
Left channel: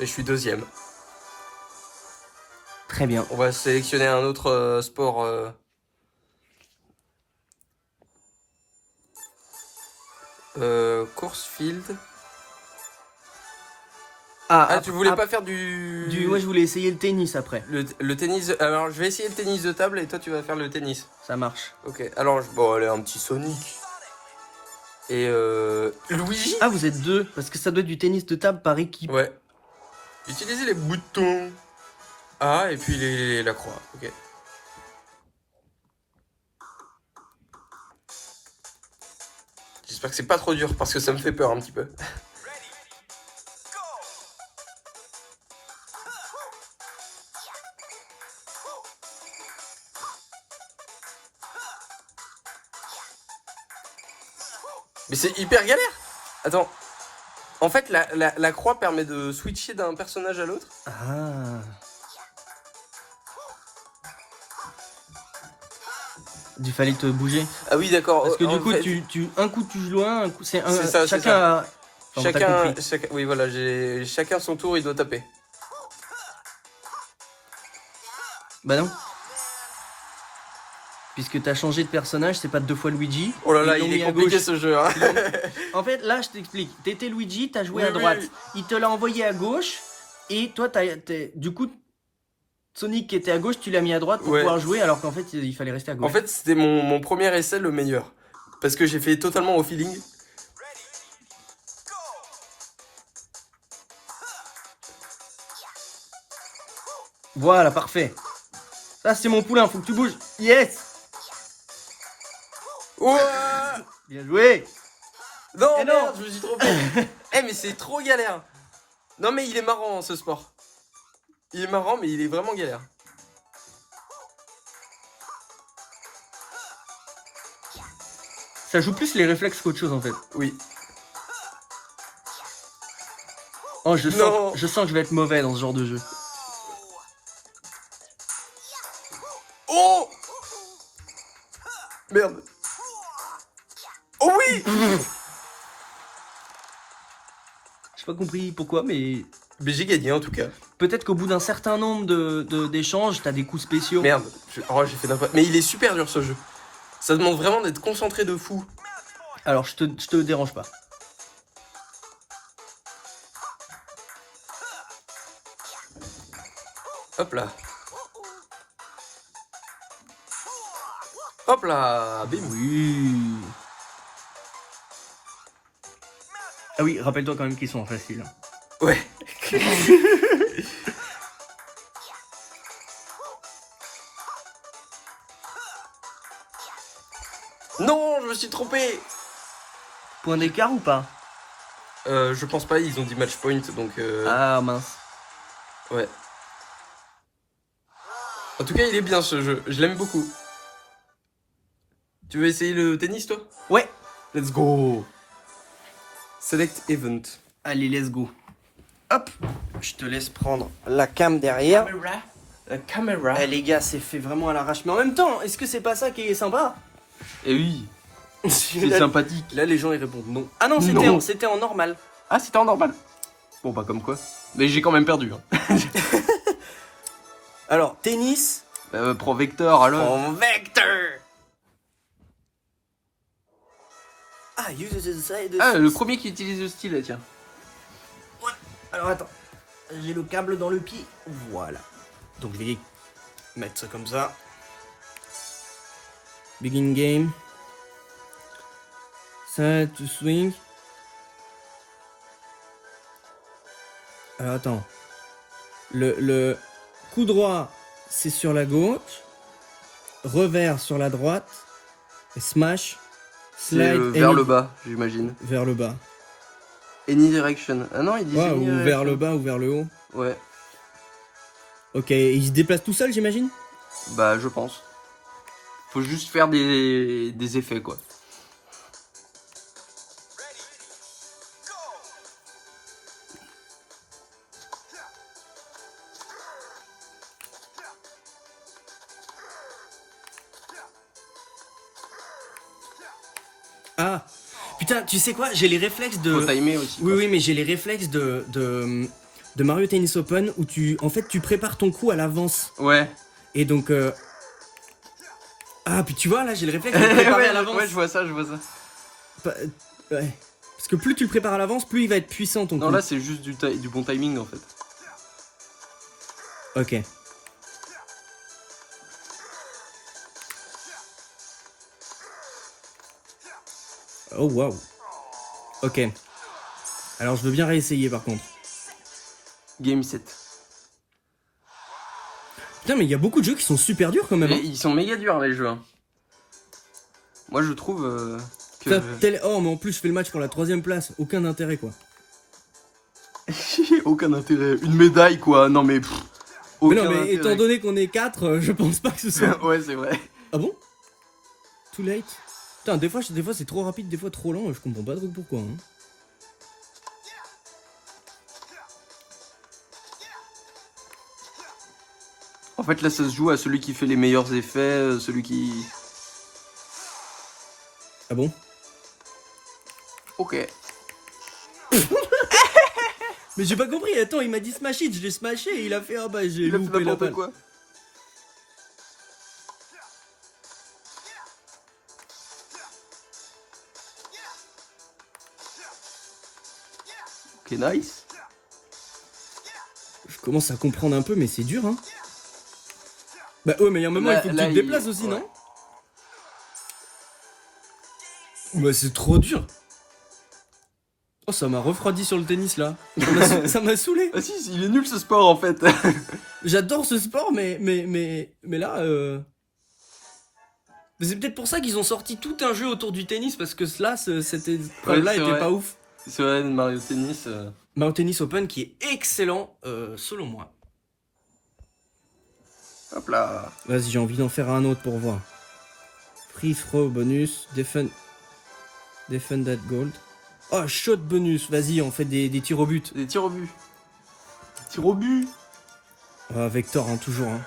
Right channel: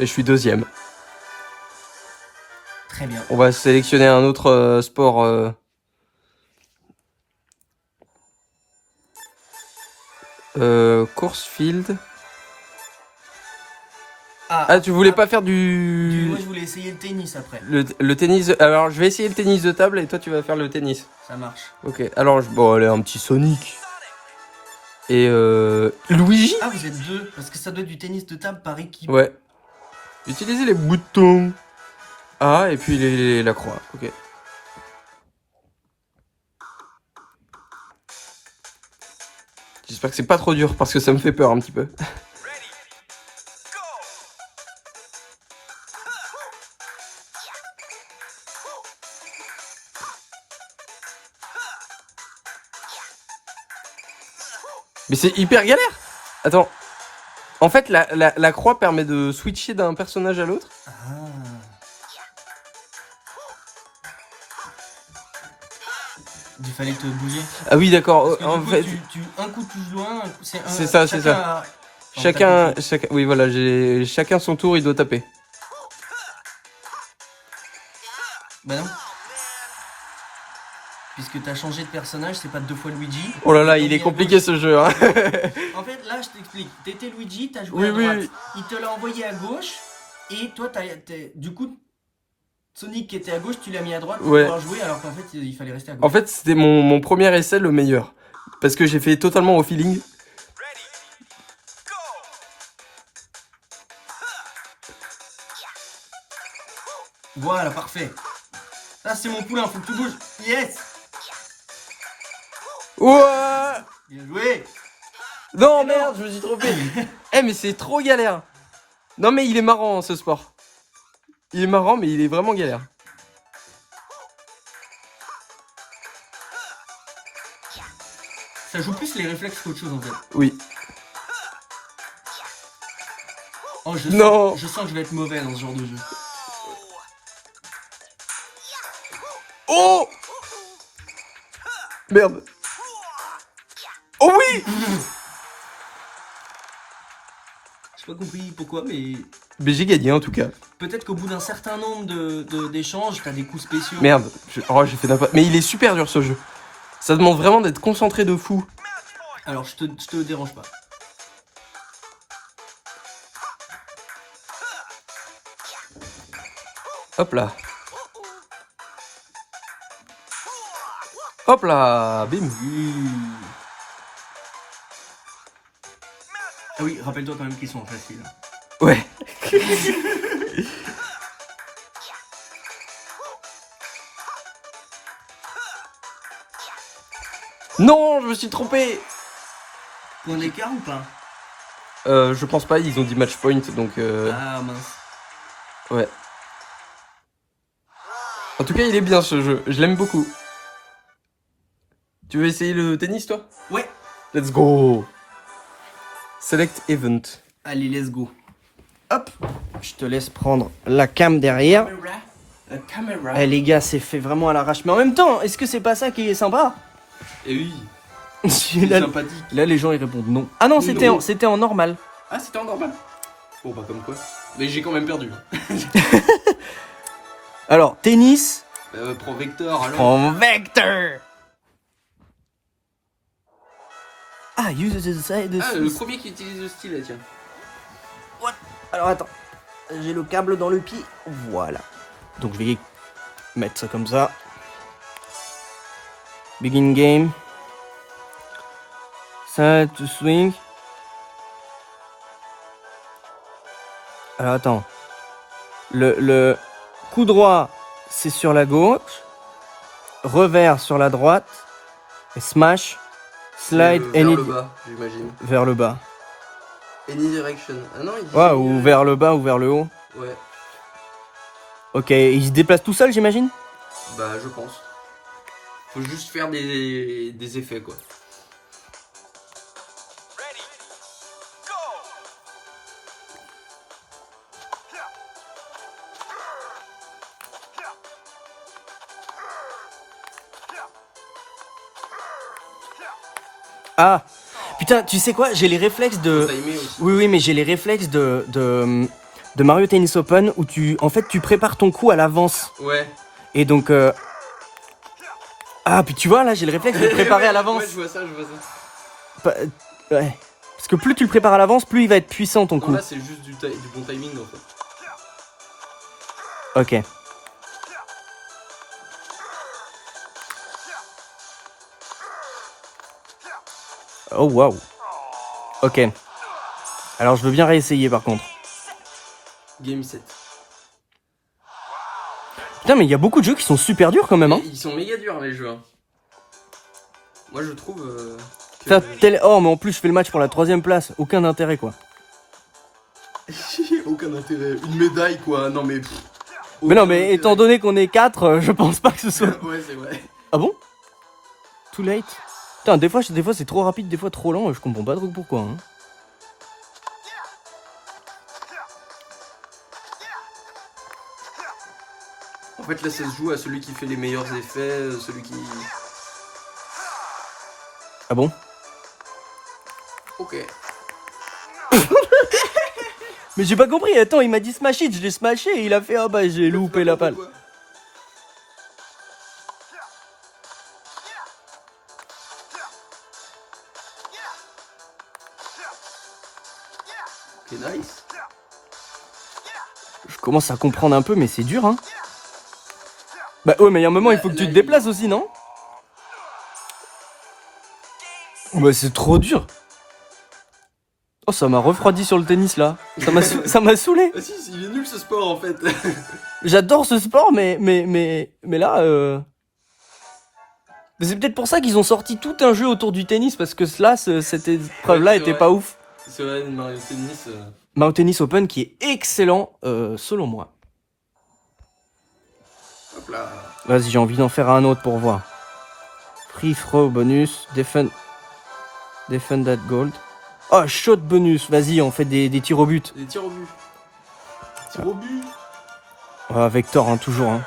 Et je suis deuxième. Très bien. On va sélectionner un autre sport. Course field. Ah, tu voulais pas faire Moi, je voulais essayer le tennis après. le tennis. Alors, je vais essayer le tennis de table et toi, tu vas faire le tennis. Ça marche. Ok, alors, bon, allez, un petit Sonic. Et Luigi. Ah, vous êtes deux, parce que ça doit être du tennis de table par équipe. Ouais. Utilisez les boutons. Ah, et puis la croix. Ok. J'espère que c'est pas trop dur parce que ça me fait peur un petit peu. Mais c'est hyper galère. Attends. En fait, la croix permet de switcher d'un personnage à l'autre. Ah. Il fallait te bouger. Ah oui, d'accord. Parce que du En coup, fait, un coup tu joues un coup c'est un. C'est ça, c'est chacun ça. a- Enfin, t'as compris. Oui, voilà, chacun son tour, il doit taper. Bah non. Puisque t'as changé de personnage, c'est pas deux fois Luigi. Oh là là, Ils l'ont il est mis à compliqué gauche. ce jeu. Hein. En fait, là, je t'explique. T'étais Luigi, t'as joué Oui, à droite. oui. Il te l'a envoyé à gauche. Et toi, du coup, Sonic qui était à gauche, tu l'as mis à droite pour Ouais. pouvoir jouer, alors qu'en fait, il fallait rester à gauche. En fait, c'était mon premier essai le meilleur. Parce que j'ai fait totalement au feeling. Voilà, parfait. Ça, c'est mon poulain, faut que tu bouges. Yes! Ouais. Bien joué! Non, Eh non. merde, je me suis trompé. Eh, mais c'est trop galère. Non, mais il est marrant ce sport. Il est marrant, mais il est vraiment galère. Ça joue plus les réflexes qu'autre chose en fait. Oui. Oh, je sens que je vais être mauvais dans ce genre de jeu. Oh! Merde. Oh oui! J'ai pas compris pourquoi, mais Mais j'ai gagné en tout cas. peut-être qu'au bout d'un certain nombre d'échanges, t'as des coups spéciaux. Merde, j'ai fait n'importe. Mais il est super dur ce jeu. Ça demande vraiment d'être concentré de fou. Alors, je te dérange pas. Hop là. Hop là, bim. Oui. Ah oui, rappelle-toi quand même qu'ils sont faciles. Ouais. Non, je me suis trompé. Point d'écart ou pas? Je pense pas, ils ont dit match point, donc Ah mince. ouais. En tout cas, il est bien ce jeu, je l'aime beaucoup. Tu veux essayer le tennis, toi? Ouais. Let's go. Select event. Allez, let's go. Hop. Je te laisse prendre la cam derrière. La caméra. Eh les gars, c'est fait vraiment à l'arrache. Mais en même temps, est-ce que c'est pas ça qui est sympa? Et oui, c'est là, sympathique. là, les gens ils répondent non. Ah non, Non. c'était en normal. Ah, c'était en normal. Bon, bah comme quoi. Mais j'ai quand même perdu. Hein. Alors, tennis. Pro Vector, alors. En vector. Ah, use the side. Ah, le premier qui utilise le stylet, tiens. Alors attends, j'ai le câble dans le pied. Voilà. Donc je vais mettre ça comme ça. Begin game. Side to swing. Alors attends. Le coup droit, c'est sur la gauche. Revers sur la droite. Et smash. Slide vers any- le bas, j'imagine. vers le bas. Any direction. Ah non, il dit. Ouais, ou vers le bas ou vers le haut. Ouais, Ok, il se déplace tout seul, j'imagine? bah je pense. Faut juste faire des effets, quoi. Ah! Putain, tu sais quoi? J'ai les réflexes Faut de... timer aussi. Oui, mais j'ai les réflexes de Mario Tennis Open où en fait, tu prépares ton coup à l'avance. Ouais. Et donc, ah, puis tu vois, là, j'ai le réflexe de le préparer à l'avance. Ouais, je vois ça. Ouais. Parce que plus tu le prépares à l'avance, plus il va être puissant ton Non, coup. là, c'est juste du bon timing, en fait. Ok. Oh, waouh. Ok. Alors, je veux bien réessayer, par contre. Game 7. Putain, mais il y a beaucoup de jeux qui sont super durs, quand même, hein. Ils sont méga durs, les jeux. Hein. Moi, je trouve... que- Ça, Oh, mais en plus, je fais le match pour la 3ème place. Aucun intérêt, quoi. Aucun intérêt. Une médaille, quoi. Non, mais... Mais non, mais étant donné qu'on est 4, je pense pas que ce soit... Ouais, c'est vrai. Ah bon? Too late? Putain, des fois c'est trop rapide, des fois trop lent, je comprends pas trop pourquoi. Hein. En fait, là, ça se joue à celui qui fait les meilleurs effets, celui qui... Ah bon? Ok. Mais j'ai pas compris, attends, il m'a dit smash it, je l'ai smashé et il a fait ah bah j'ai loupé la balle. Quoi. Ok, nice. Je commence à comprendre un peu, mais c'est dur, hein. Bah ouais, mais il y a un moment, Là- il faut que là, tu te déplaces aussi, non? Bah c'est trop dur. Oh, ça m'a refroidi sur le tennis, là. Ça m'a saoulé. Ah si, il est nul ce sport, en fait. J'adore ce sport, mais là, mais c'est peut-être pour ça qu'ils ont sorti tout un jeu autour du tennis, parce que cette épreuve-là Ouais, c'est était vrai. pas ouf. C'est vrai, Mario Tennis... Mario Tennis Open qui est excellent, selon moi. Hop là. Vas-y, j'ai envie d'en faire un autre pour voir. Free throw bonus. Defend that gold. Oh, shot bonus. Vas-y, on fait des tirs au but. Des tirs au but. Tirs au but. Oh, Vector, hein, toujours. Hein.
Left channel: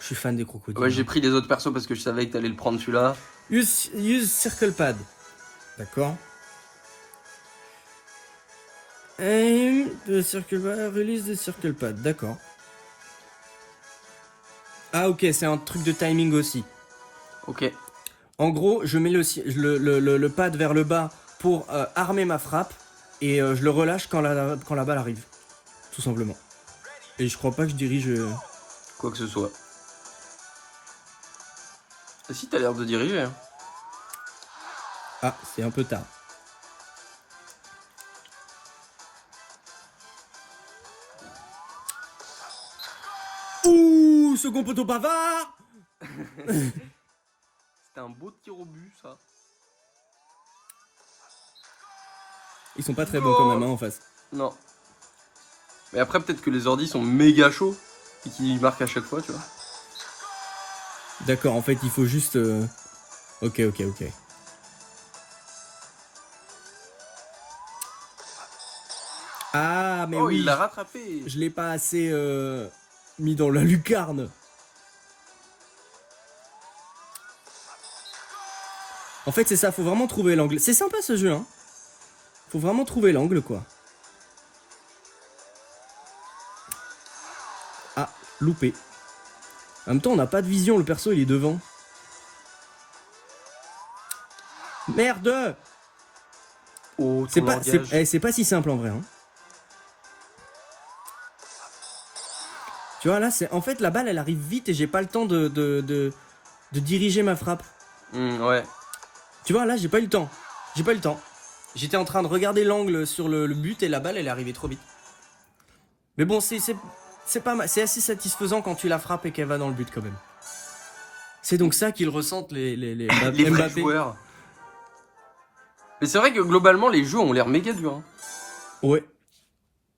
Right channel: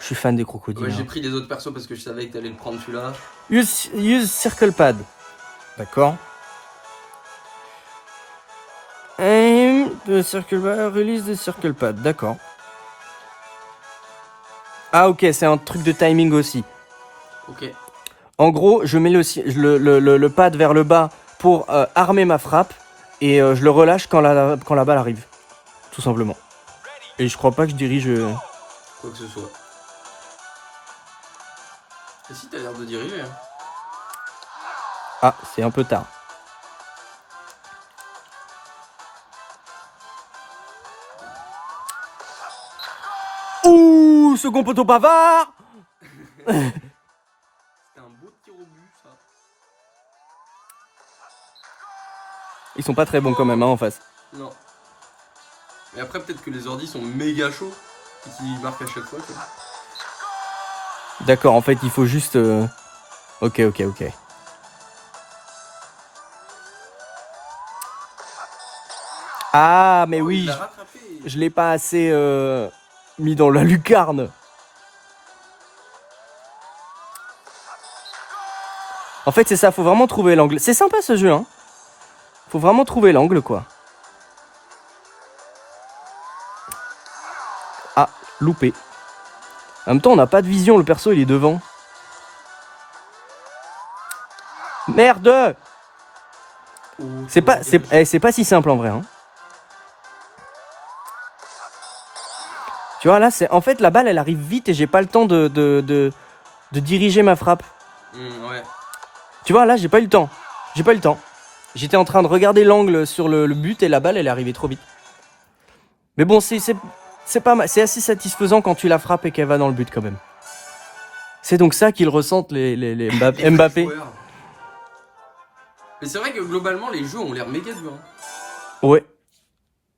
Je suis fan des crocodiles. Ouais, j'ai hein. pris les autres persos parce que je savais que t'allais le prendre celui-là. Use circle pad. D'accord. Aim the circle pad. Release the circle pad. D'accord. Ah, ok, c'est un truc de timing aussi. Ok. En gros, je mets le pad vers le bas pour armer ma frappe et je le relâche quand la balle arrive. Tout simplement. Et je crois pas que je dirige... Quoi que ce soit. Et si t'as l'air de diriger. Hein. Ah, c'est un peu tard. Ouh, second poteau bavard. C'était un beau tir au but, ça. Ils sont pas très bons quand même hein, en face. Non. Mais après, peut-être que les ordis sont méga chauds et qu'ils marquent à chaque fois, tu vois. D'accord, en fait, il faut juste... Ok. Ah, mais Oh, oui, il l'a rattrapé. je l'ai pas assez mis dans la lucarne. En fait, c'est ça, faut vraiment trouver l'angle. C'est sympa ce jeu, hein. Faut vraiment trouver l'angle, quoi. Ah, loupé. En même temps, on n'a pas de vision, le perso, il est devant. Merde! Oh, C'est pas si simple en vrai, hein. Tu vois, là, c'est en fait, la balle, elle arrive vite et j'ai pas le temps de diriger ma frappe. Ouais. Tu vois, là, j'ai pas eu le temps. J'étais en train de regarder l'angle sur le but et la balle, elle est arrivée trop vite. Mais bon, c'est assez satisfaisant quand tu la frappes et qu'elle va dans le but quand même. C'est donc ça qu'ils ressentent les Les Mbappé. joueurs. Mais c'est vrai que globalement, les jeux ont l'air méga durs. Hein. Ouais.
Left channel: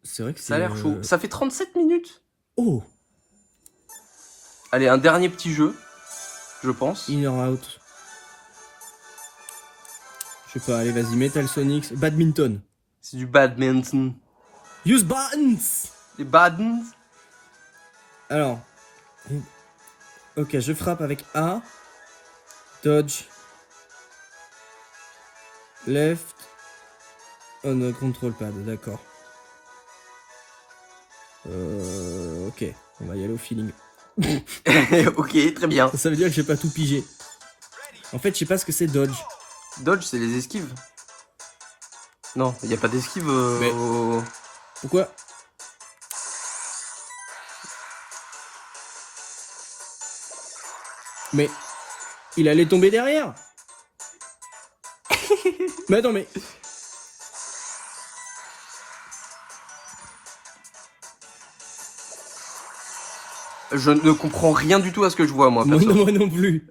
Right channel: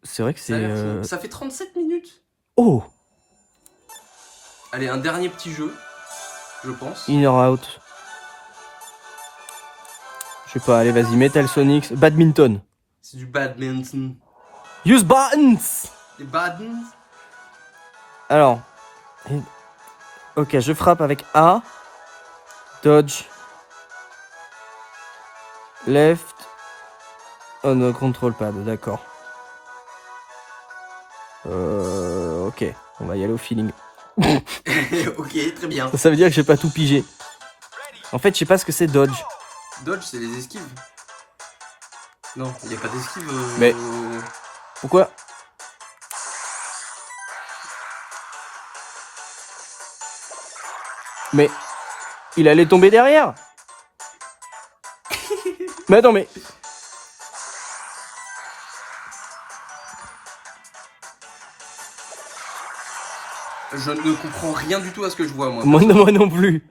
C'est vrai que Ça a c'est... l'air chaud. Ça fait 37 minutes. Oh! Allez, un dernier petit jeu, je pense. In or out. Je sais pas, allez, vas-y, Metal Sonic. Badminton. C'est du badminton. Use buttons! Les badmins. Alors. Ok, je frappe avec A. Dodge. Left. Oh no, control pad, d'accord. Ok, on va y aller au feeling. Ok, très bien. Ça veut dire que j'ai pas tout pigé. En fait, je sais pas ce que c'est dodge. Dodge, c'est les esquives. Non, il n'y a pas d'esquive. Mais- Pourquoi? Mais il allait tomber derrière. Mais attends, mais Je ne comprends rien du tout à ce que je vois, moi. moi perso. non plus.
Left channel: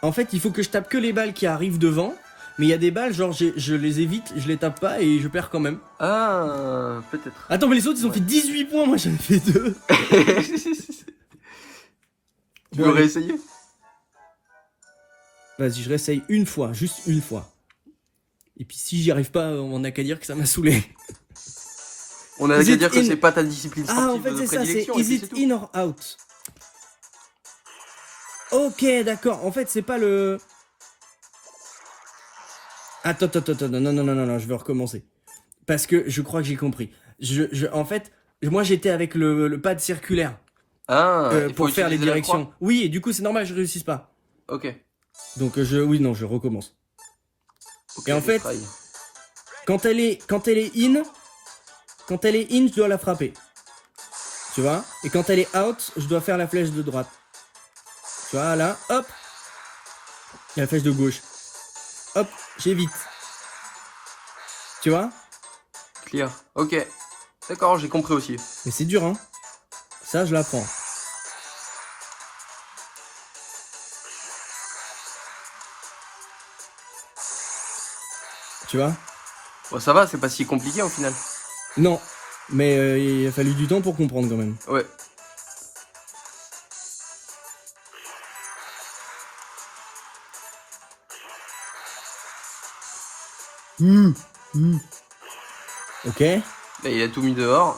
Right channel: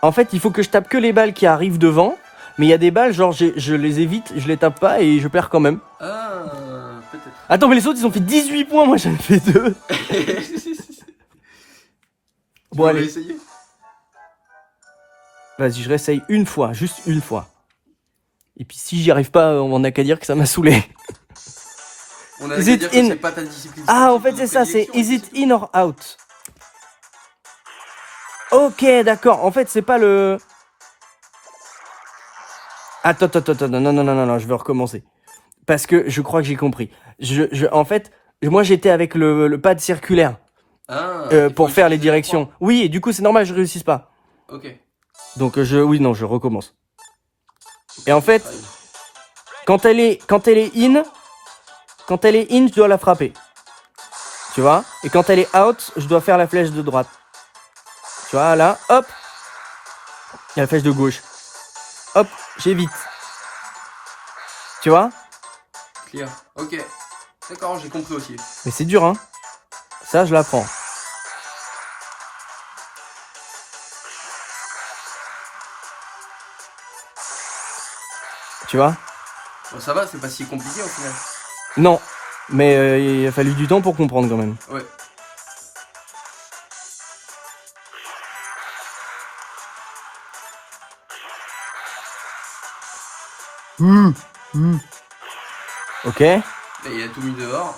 En fait, il faut que je tape que les balles qui arrivent devant. Mais il y a des balles, genre je les évite, je les tape pas et je perds quand même. Ah, peut-être. Attends, mais les autres ils ont fait 18 points, moi j'en ai fait 2. Bon, Bon, allez, allez. essayer. Vas-y, je réessaye une fois, juste une fois. Et puis si j'y arrive pas, on n'a qu'à dire que ça m'a saulé. On a Is qu'à it dire que in- c'est pas ta discipline. Ah, en sportive fait de c'est ça, c'est prédilection, is it in or out? Ok, d'accord, en fait c'est pas le... Attends, non, je veux recommencer. Parce que je crois que j'ai compris. En fait, moi j'étais avec le pad circulaire Ah, il pour faut faire les utiliser la directions. Oui, et du coup c'est normal, je réussis pas. croix. Ok. Donc je recommence. Et en fait, Try. quand elle est in, je dois la frapper. Tu vois? Et quand elle est out, je dois faire la flèche de droite. Tu vois, là, hop. Il y a la flèche de gauche. Hop, j'évite. Tu vois? Clear. Ok. D'accord, j'ai compris aussi. Mais c'est dur, hein. Ça, je l'apprends. Tu vois? Bon, ça va, c'est pas si compliqué au final. Non. Mais il a fallu du temps pour comprendre quand même. Ouais. Ok. Et il a tout mis dehors.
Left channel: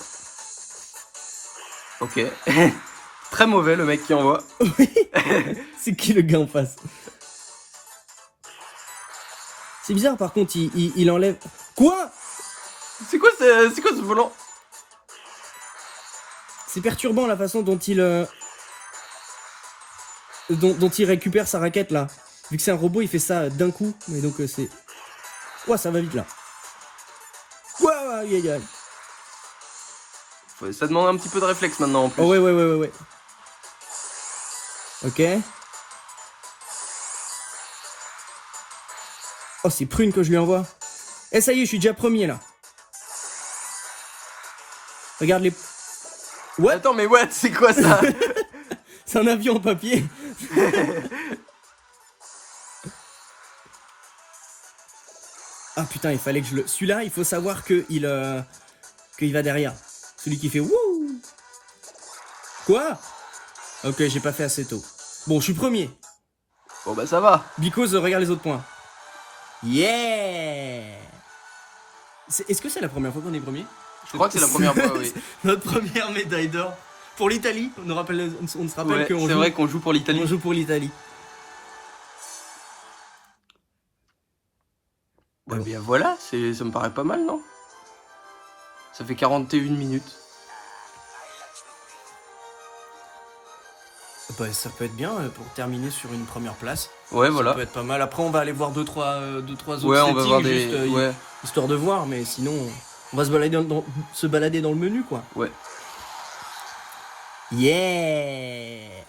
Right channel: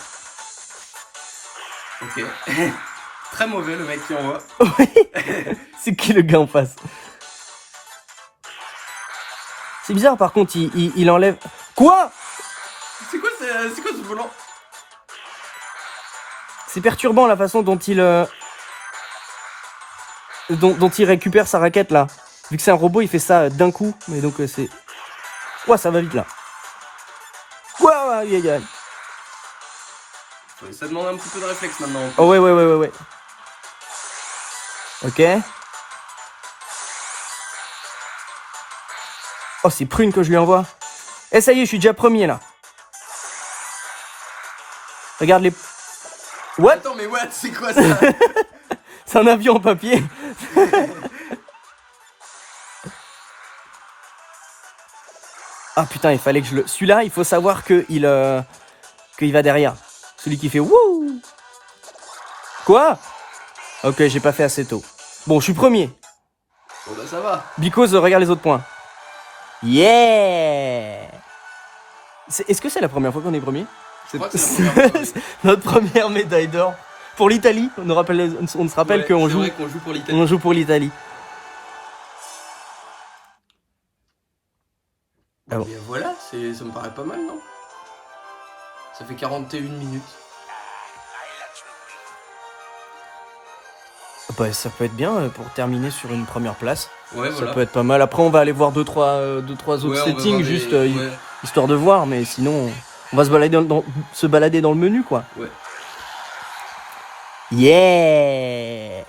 Ok. Très mauvais le mec qui envoie. C'est qui le gars en face? C'est bizarre par contre, il enlève... Quoi? C'est quoi ce volant? C'est perturbant la façon dont il... dont il récupère sa raquette là. Vu que c'est un robot, il fait ça d'un coup. Mais donc c'est... Ouah, ça va vite là. Ouah, aïe, aïe, aïe. Ça demande un petit peu de réflexe maintenant. En plus. Oh ouais. Ok. Oh, c'est prune que je lui envoie. Eh, ça y est, je suis déjà premier là. Regarde les... What? Attends, mais what? C'est quoi ça? C'est un avion en papier. Ah putain, il fallait que je le... Celui-là, il faut savoir qu'il va derrière. Celui qui fait wouh. Quoi? Ok, j'ai pas fait assez tôt. Bon, je suis premier. Bon bah ça va. Because, regarde les autres points. Yeah. Est-ce que c'est la première fois qu'on est premier? Je crois que c'est la première fois, oui. Notre première médaille d'or. Pour l'Italie, on se rappelle Ouais, qu'on c'est joue, vrai qu'on joue pour l'Italie. on joue pour l'Italie. Ah bon. Et voilà, ça me paraît pas mal, non? Ça fait 41 minutes. Bah, ça peut être bien pour terminer sur une première place. Ouais, Ça voilà. peut être pas mal. Après, on va aller voir deux trois autres Ouais, on va voir settings, des- juste ouais. histoire de voir. Mais sinon, on va se balader dans le menu, quoi. Ouais. Yeah.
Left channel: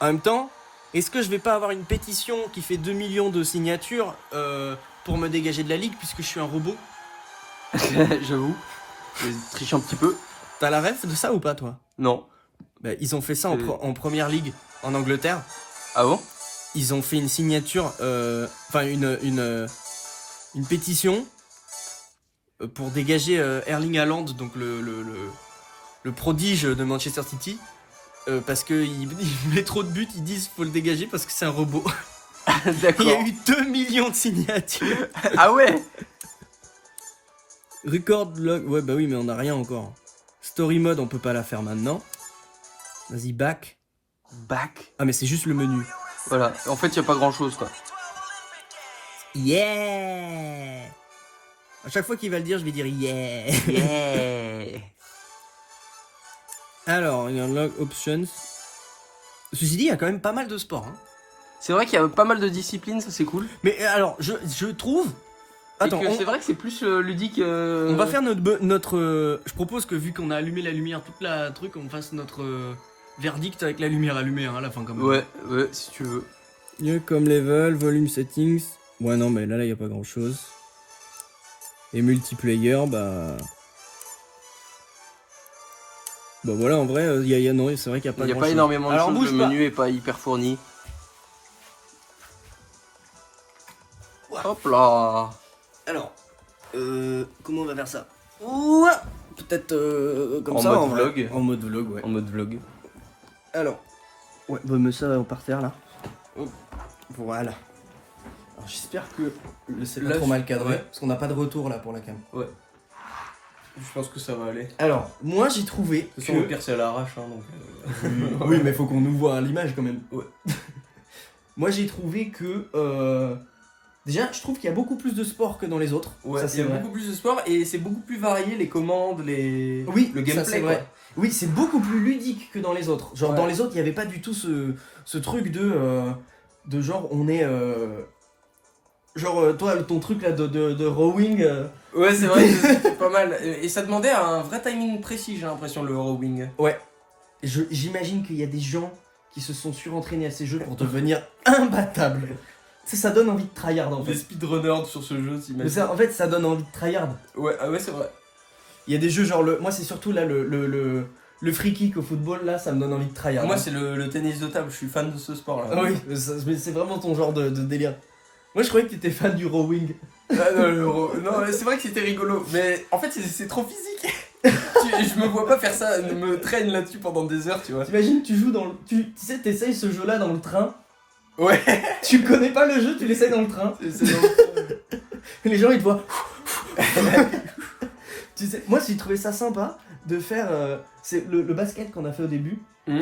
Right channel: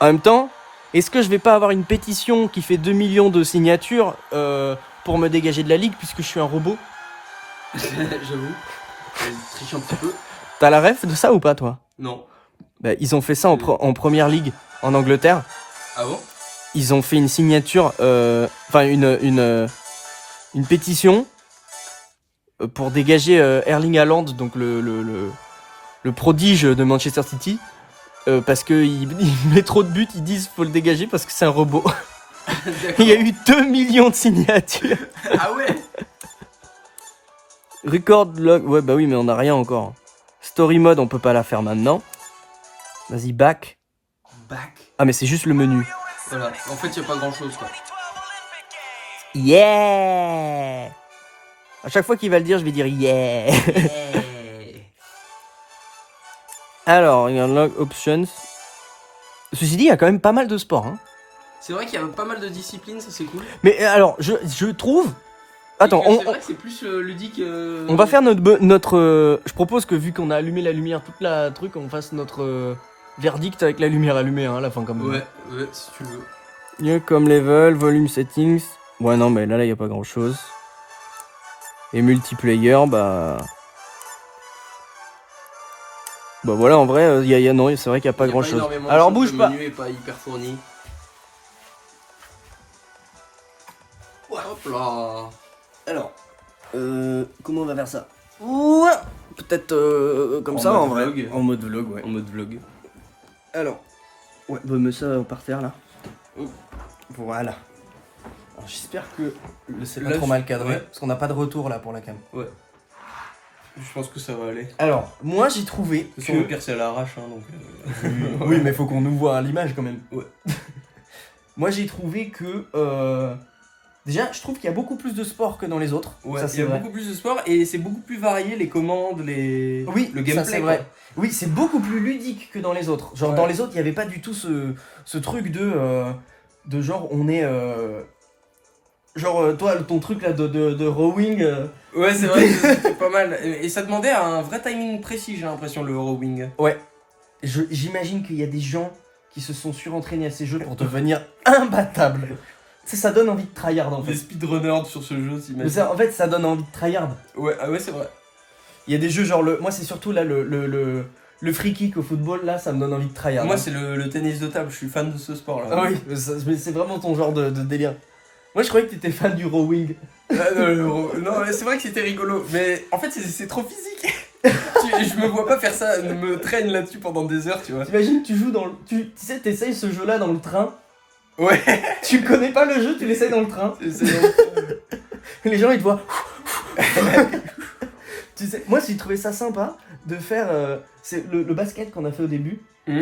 En même temps, est-ce que je vais pas avoir une pétition qui fait 2 millions de signatures pour me dégager de la ligue puisque je suis un robot? J'avoue. Je triche un petit peu. T'as la ref de ça ou pas, toi? Non. Bah, ils ont fait ça en première ligue en Angleterre. Ah bon? Ils ont fait une signature, enfin une pétition pour dégager Erling Haaland, donc le prodige de Manchester City, parce que il met trop de buts, ils disent faut le dégager parce que c'est un robot. D'accord. Il y a eu 2 millions de signatures. Ah ouais? Record log, ouais bah oui mais on n'a rien encore. Story mode on peut pas la faire maintenant. Vas-y back. Back. Ah mais c'est juste le menu. Voilà. En fait, y a pas grand chose, quoi. Yeah. À chaque fois qu'il va le dire, je vais dire yeah. Alors, il y a Log Options. Ceci dit, il y a quand même pas mal de sports. Hein. C'est vrai qu'il y a pas mal de disciplines, ça c'est cool. Mais alors, je trouve... Attends, C'est vrai que c'est plus ludique. on va faire notre je propose que vu qu'on a allumé la lumière, toute la truc, on fasse notre verdict avec la lumière allumée hein, à la fin quand même. Ouais, si tu veux. Mieux comme level, volume settings. Ouais, non, mais là, il n'y a pas grand chose. Et multiplayer, bah. Bah voilà, en vrai, non, c'est vrai qu'il n'y a pas grand chose. Énormément de Alors choses, bouge le pas. menu est pas hyper fourni. Hop là. Alors, comment on va faire ça? Ouais. Peut-être comme En ça, mode en vrai. vlog. En mode vlog, ouais. En mode vlog. Alors, ouais, bah, mets ça par terre là. Voilà. Alors j'espère que c'est pas Là, trop mal cadré, ouais. parce qu'on n'a pas de retour là pour la cam. Ouais. Je pense que ça va aller. Alors, moi j'ai trouvé De toute façon, le pire c'est à l'arrache, hein, donc. oui, mais faut qu'on nous voit à l'image quand même. Ouais. Moi j'ai trouvé que... Déjà, je trouve qu'il y a beaucoup plus de sport que dans les autres. Ouais, ça, il c'est y a vrai. beaucoup plus de sport et c'est beaucoup plus varié les commandes, Oui, le ça, gameplay. c'est vrai. Oui, c'est beaucoup plus ludique que dans les autres. Genre Ouais. dans les autres, il n'y avait pas du tout ce truc de genre on est... Genre toi, ton truc là de rowing... Ouais, c'est vrai, c'était pas mal. Et ça demandait un vrai timing précis, j'ai l'impression, le rowing. Ouais. J'imagine qu'il y a des gens qui se sont surentraînés à ces jeux pour devenir imbattables. Tu sais, ça donne envie de tryhard en fait. Des speedrunners sur ce jeu, Mais t'imagines. ça, en fait, ça donne envie de tryhard. Ouais, ah ouais, c'est vrai. Il y a des jeux genre moi c'est surtout là le free kick au football là, ça me donne envie de tryhard. Moi, c'est le tennis de table, je suis fan de ce sport là. Ah oui, mais c'est vraiment ton genre de délire. Moi je croyais que t'étais fan du rowing. Ah, non, c'est vrai que c'était rigolo, mais en fait, c'est trop physique. Je me vois pas faire ça, me traîne là-dessus pendant des heures, tu vois. T'imagines, tu joues dans le. Tu sais, t'essayes ce jeu là dans le train. Ouais, Tu connais pas le jeu, tu l'essayes dans le train. c'est Les gens ils te voient. Tu sais, moi j'ai trouvé ça sympa de faire c'est le basket qu'on a fait au début. Mm.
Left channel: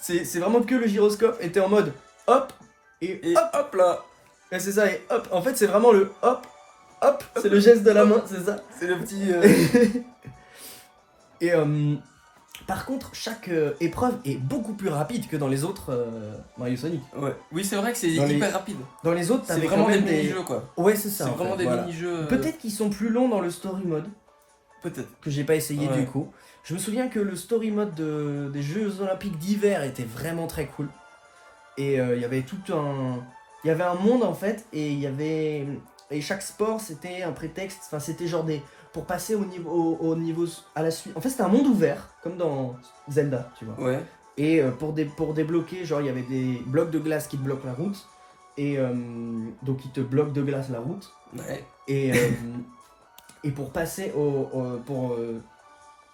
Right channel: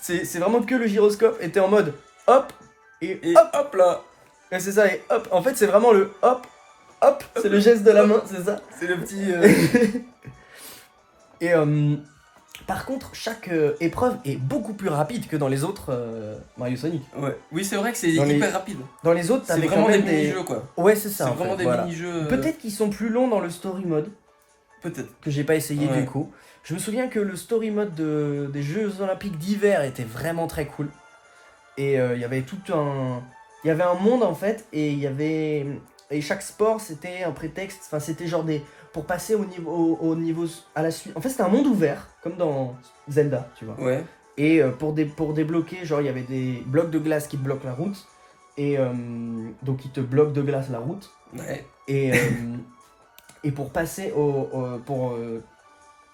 C'est vraiment que le gyroscope était en mode hop et hop. Hop là. Ouais, c'est ça, et hop. En fait, c'est vraiment le hop, hop. C'est le geste de la main, c'est ça. C'est le petit. Et par contre, chaque épreuve est beaucoup plus rapide que dans les autres Mario Sonic. Ouais. Oui, c'est vrai que c'est Dans les- hyper rapide. Dans les autres, C'est t'avais vraiment quand des même des... mini-jeux quoi. Ouais, c'est ça. C'est en vraiment fait, des voilà. mini-jeux. Peut-être qu'ils sont plus longs dans le story mode, Peut-être. que j'ai pas essayé Ouais. du coup. Je me souviens que le story mode des Jeux Olympiques d'hiver était vraiment très cool. Et il y avait tout un... Il y avait un monde en fait, et il y avait... Et chaque sport, c'était un prétexte, enfin c'était genre des... Pour passer au niveau à la suite... En fait, c'était un monde ouvert, comme dans Zelda, tu vois. Ouais. Et pour débloquer, genre il y avait des blocs de glace qui te bloquent la route. Et donc ils te bloquent de glace la route. Ouais. Et, et pour passer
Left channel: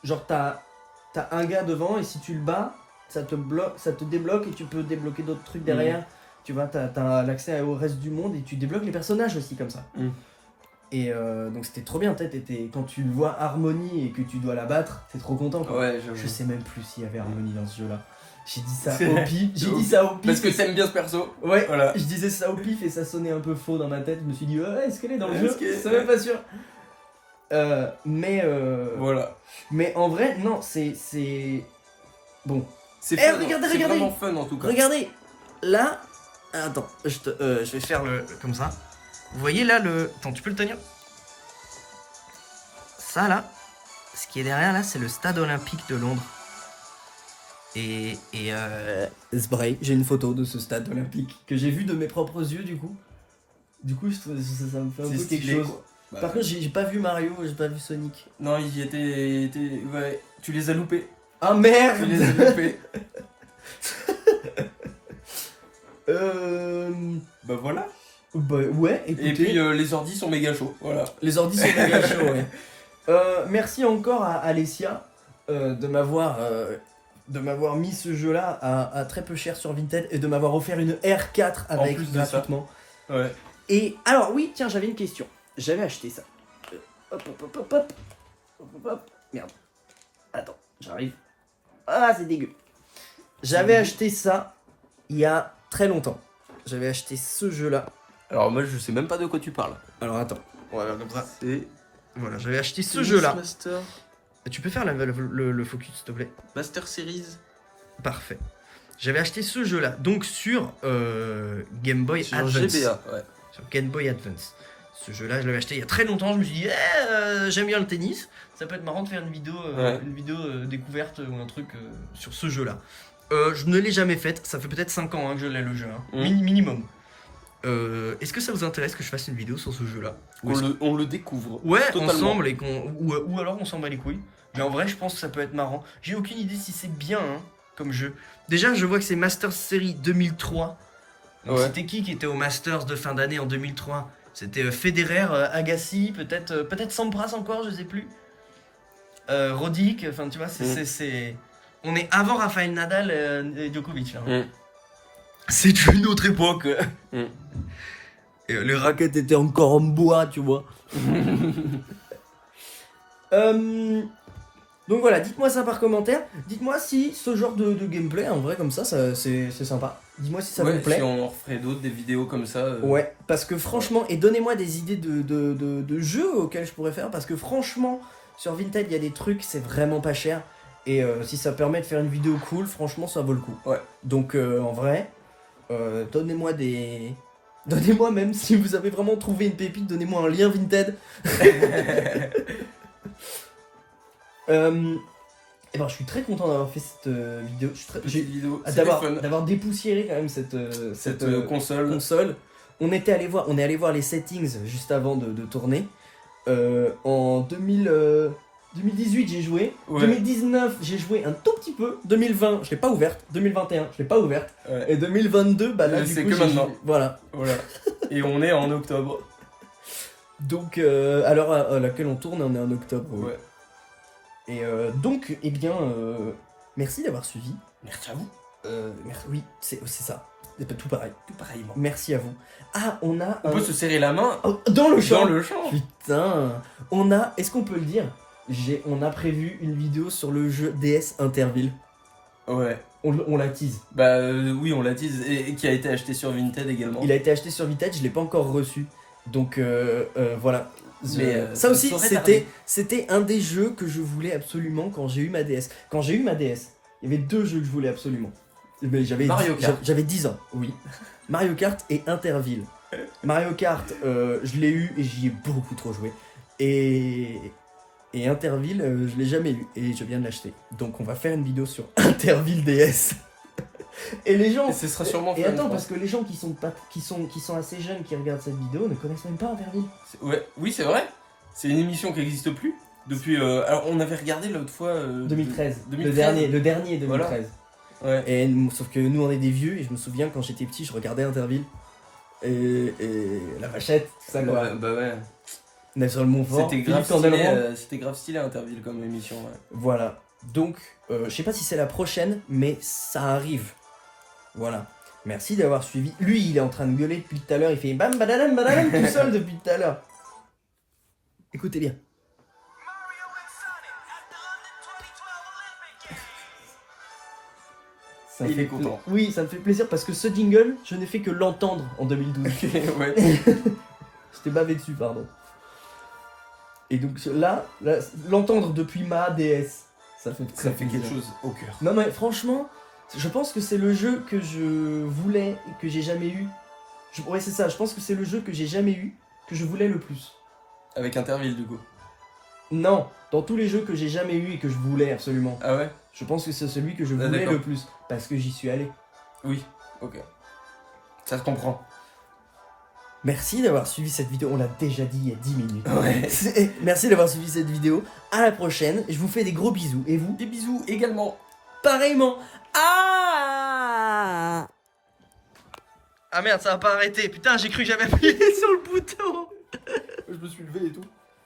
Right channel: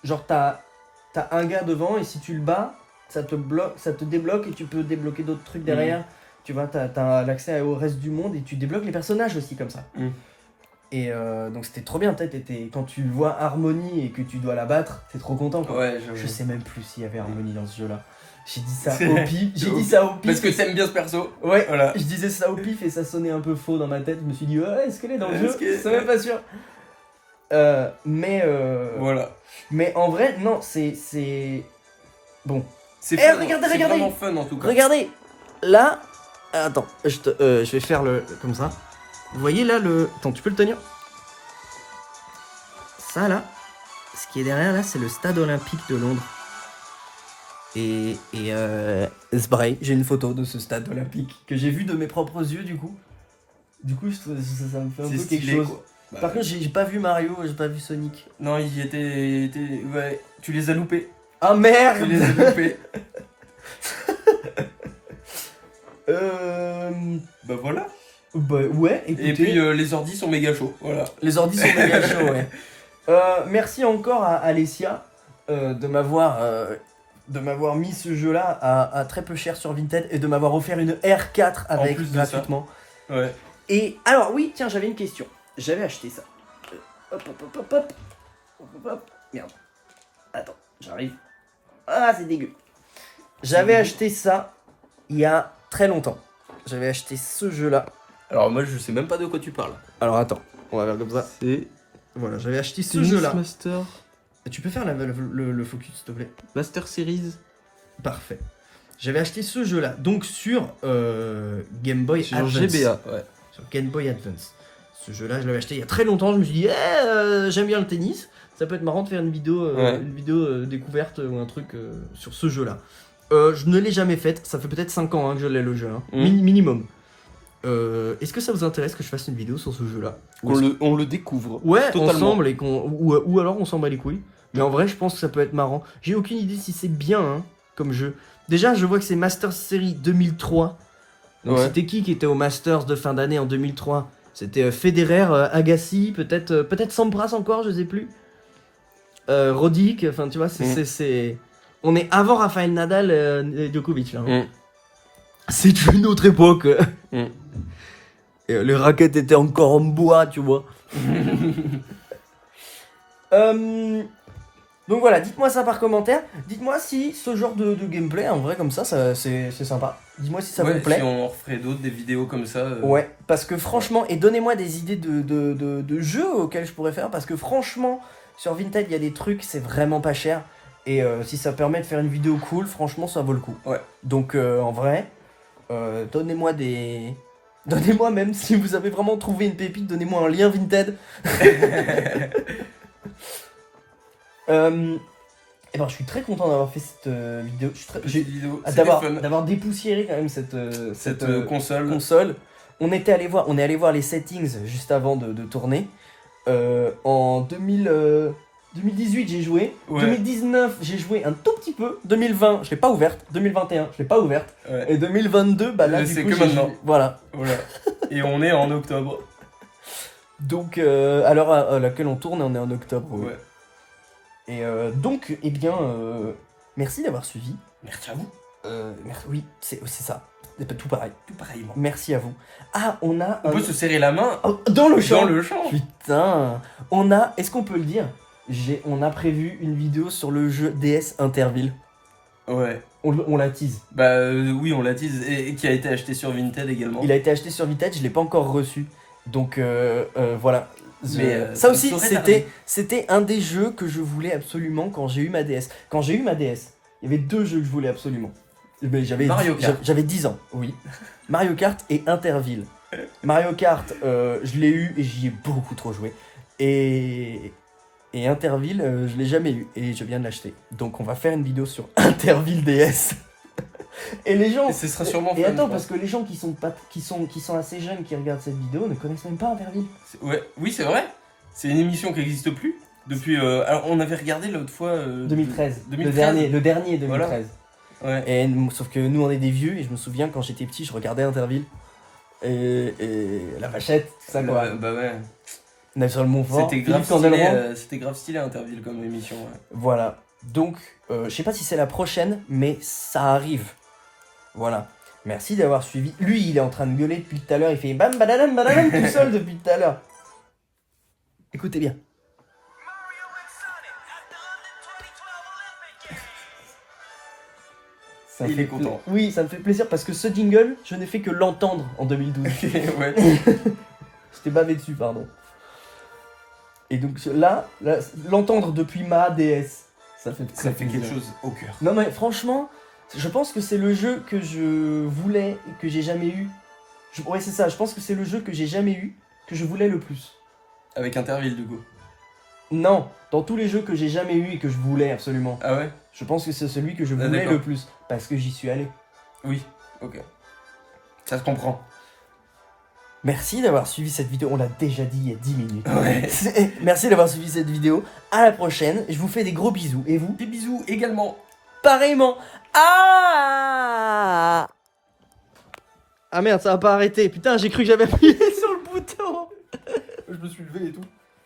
genre t'as un gars devant et si tu le bats, ça te débloque et tu peux débloquer d'autres trucs derrière. Tu vois, t'as l'accès au reste du monde et tu débloques les personnages aussi comme ça. Mm. Et donc c'était trop bien, quand tu vois Harmony et que tu dois la battre, t'es trop content quoi. Ouais, j'avoue. Je sais même plus s'il y avait Harmony dans ce jeu là. J'ai dit ça C'est- au pif. J'ai dit ça au pif. Parce que t'aimes bien ce perso. Ouais, Voilà. je disais ça au pif et ça sonnait un peu faux dans ma tête. Je me suis dit, ouais, est-ce qu'elle est dans le Est-ce jeu que- Je suis même pas sûr. Voilà. Mais en vrai, non, c'est. Bon. C'est Eh, fun. regardez, C'est regardez. vraiment fun en tout cas. Regardez, là. Attends, je vais faire le. Comme ça. Vous voyez là le. Attends, tu peux le tenir. Ça là. Ce qui est derrière là, c'est le stade olympique de Londres. Et c'est pareil, j'ai une photo de ce stade olympique que j'ai vu de mes propres yeux du coup. Du coup, ça me fait un C'est peu quelque stylé chose. quoi. Bah, Par contre, j'ai pas vu Mario, j'ai pas vu Sonic. non, il était. Ouais. Tu les as loupés. Ah Tu merde les as loupés. Bah voilà. Bah ouais, écoutez, Et puis les ordis sont méga chauds. Voilà. les ordi sont méga chauds, ouais. Merci encore à Alessia de m'avoir mis ce jeu-là à très peu cher sur Vinted et de m'avoir offert une R4 avec plus de ça. gratuitement. Ouais. Et alors oui, tiens, j'avais une question. J'avais acheté ça. Hop, hop, hop, hop, hop. Hop, hop, hop. Merde. Attends, j'arrive. Ah, c'est dégueu. J'avais acheté ça il y a très longtemps. J'avais acheté ce jeu-là. Alors moi je sais même pas de quoi tu parles. Alors attends, voilà, comme ça. C'est Voilà, j'avais acheté ce jeu-là. Master. Tu peux faire le focus, s'il te plaît? Master Series. Parfait. J'avais acheté ce jeu-là, donc sur Game Boy Sur Advance. GBA. Ouais. Sur Game Boy Advance. Ce jeu-là, je l'avais acheté il y a très longtemps. Je me suis dit, j'aime bien le tennis. Ça peut être marrant de faire une vidéo, Ouais. découverte ou un truc sur ce jeu-là. Je ne l'ai jamais faite. Ça fait peut-être 5 ans que je l'ai le jeu. Hein. Minimum. Est-ce que ça vous intéresse que je fasse une vidéo sur ce jeu-là? Ou est-ce On le découvre. Ouais, Totalement. ensemble et ou alors on s'en bat les couilles. Mais en vrai, je pense que ça peut être marrant. J'ai aucune idée si c'est bien hein, comme jeu. Déjà, je vois que c'est Masters Series 2003. Donc Ouais. c'était qui était au Masters de fin d'année en 2003? C'était Federer, Agassi, peut-être Sampras encore, je sais plus. Roddick, enfin tu vois, c'est on est avant Rafael Nadal et Djokovic là. Mm. C'est une autre époque. Mm. Et les raquettes étaient encore en bois, tu vois. Donc voilà, dites-moi ça par commentaire. Dites-moi si ce genre de gameplay, en vrai, comme ça c'est sympa. Dites-moi si ça Ouais, vous plaît. si on referait d'autres, des vidéos comme ça. Ouais, parce que franchement, et donnez-moi des idées de jeux auxquels je pourrais faire, parce que franchement, sur Vinted, il y a des trucs, c'est vraiment pas cher. Et si ça permet de faire une vidéo cool, franchement, ça vaut le coup. Ouais. Donc en vrai, donnez-moi des... Donnez-moi même, si vous avez vraiment trouvé une pépite, donnez-moi un lien Vinted. Et ben, je suis très content d'avoir fait cette vidéo. Je suis très... Petite vidéo. C'était fun. d'avoir dépoussiéré quand même cette Console. console. On est allé voir les settings juste avant de tourner. En 2018 j'ai joué. Ouais. 2019 j'ai joué un tout petit peu. 2020 je l'ai pas ouverte. 2021 je l'ai pas ouverte. Ouais. Et 2022 bah là du C'est coup que j'ai maintenant. joué. Voilà. Voilà. Et on est en octobre. Donc à l'heure à laquelle on tourne on est en octobre. Ouais. Et donc eh bien merci d'avoir suivi. Merci à vous. Oui c'est ça. tout pareil. Tout pareillement. Merci à vous. Ah, on a... On peut se serrer la main dans le champ. dans le champ. Putain. On a... Est-ce qu'on peut le dire? On a prévu une vidéo sur le jeu DS Interville. Ouais. On la tease. Bah oui, on l'a dit, et qui a été acheté sur Vinted également. Il a été acheté sur Vinted, je l'ai pas encore reçu. Donc voilà. Mais ça aussi, saurait tarder. c'était un des jeux que je voulais absolument quand j'ai eu ma DS. Quand j'ai eu ma DS, il y avait 2 jeux que je voulais absolument. Mais Mario Kart. J'avais 10 ans, oui. Mario Kart et Interville. Mario Kart, je l'ai eu et j'y ai beaucoup trop joué. Et Interville, je l'ai jamais eu et je viens de l'acheter. Donc on va faire une vidéo sur Interville DS. Et les gens. Et ce sera sûrement Et fun, attends, je parce pense. que les gens qui sont assez jeunes qui regardent cette vidéo ne connaissent même pas Interville. Ouais, oui, c'est vrai. C'est une émission qui n'existe plus. Depuis. Alors, on avait regardé l'autre fois. 2013. 2013. Le dernier 2013. Voilà. Ouais. Et sauf que nous on est des vieux et je me souviens quand j'étais petit, je regardais Interville. Et la vachette, tout ça quoi. Bah ouais. Nelson Montfort, C'était Philippe grave Candelroy. stylé. C'était grave stylé Interville comme émission. Ouais. Voilà. Donc, je sais pas si c'est la prochaine, mais ça arrive. Voilà. Merci d'avoir suivi. Lui, il est en train de gueuler depuis tout à l'heure. Il fait bam badadam badadam tout seul depuis tout à l'heure. Écoutez bien. Ça me Il est fait content. Oui, ça me fait plaisir parce que ce jingle, je n'ai fait que l'entendre en 2012. Ouais. C'était bavé dessus, pardon. Et donc là l'entendre depuis ma DS, ça fait Ça fait plaisir. quelque chose au cœur. Non mais franchement, je pense que c'est le jeu que je voulais et que j'ai jamais eu. Ouais c'est ça, je pense que c'est le jeu que j'ai jamais eu, que je voulais le plus. Avec Interville, du coup. Non, dans tous les jeux que j'ai jamais eu et que je voulais absolument. Ah ouais? Je pense que c'est celui que je Ah, voulais d'accord. le plus. Parce que j'y suis allé. Oui, ok. Ça se comprend. Merci d'avoir suivi cette vidéo, on l'a déjà dit il y a 10 minutes. Ouais. Merci d'avoir suivi cette vidéo. À la prochaine, je vous fais des gros bisous. Et vous? Des bisous également. Pareillement. Ah merde, ça a pas arrêté. Putain, j'ai cru que j'avais appuyé sur le bouton. Je me suis levé et tout.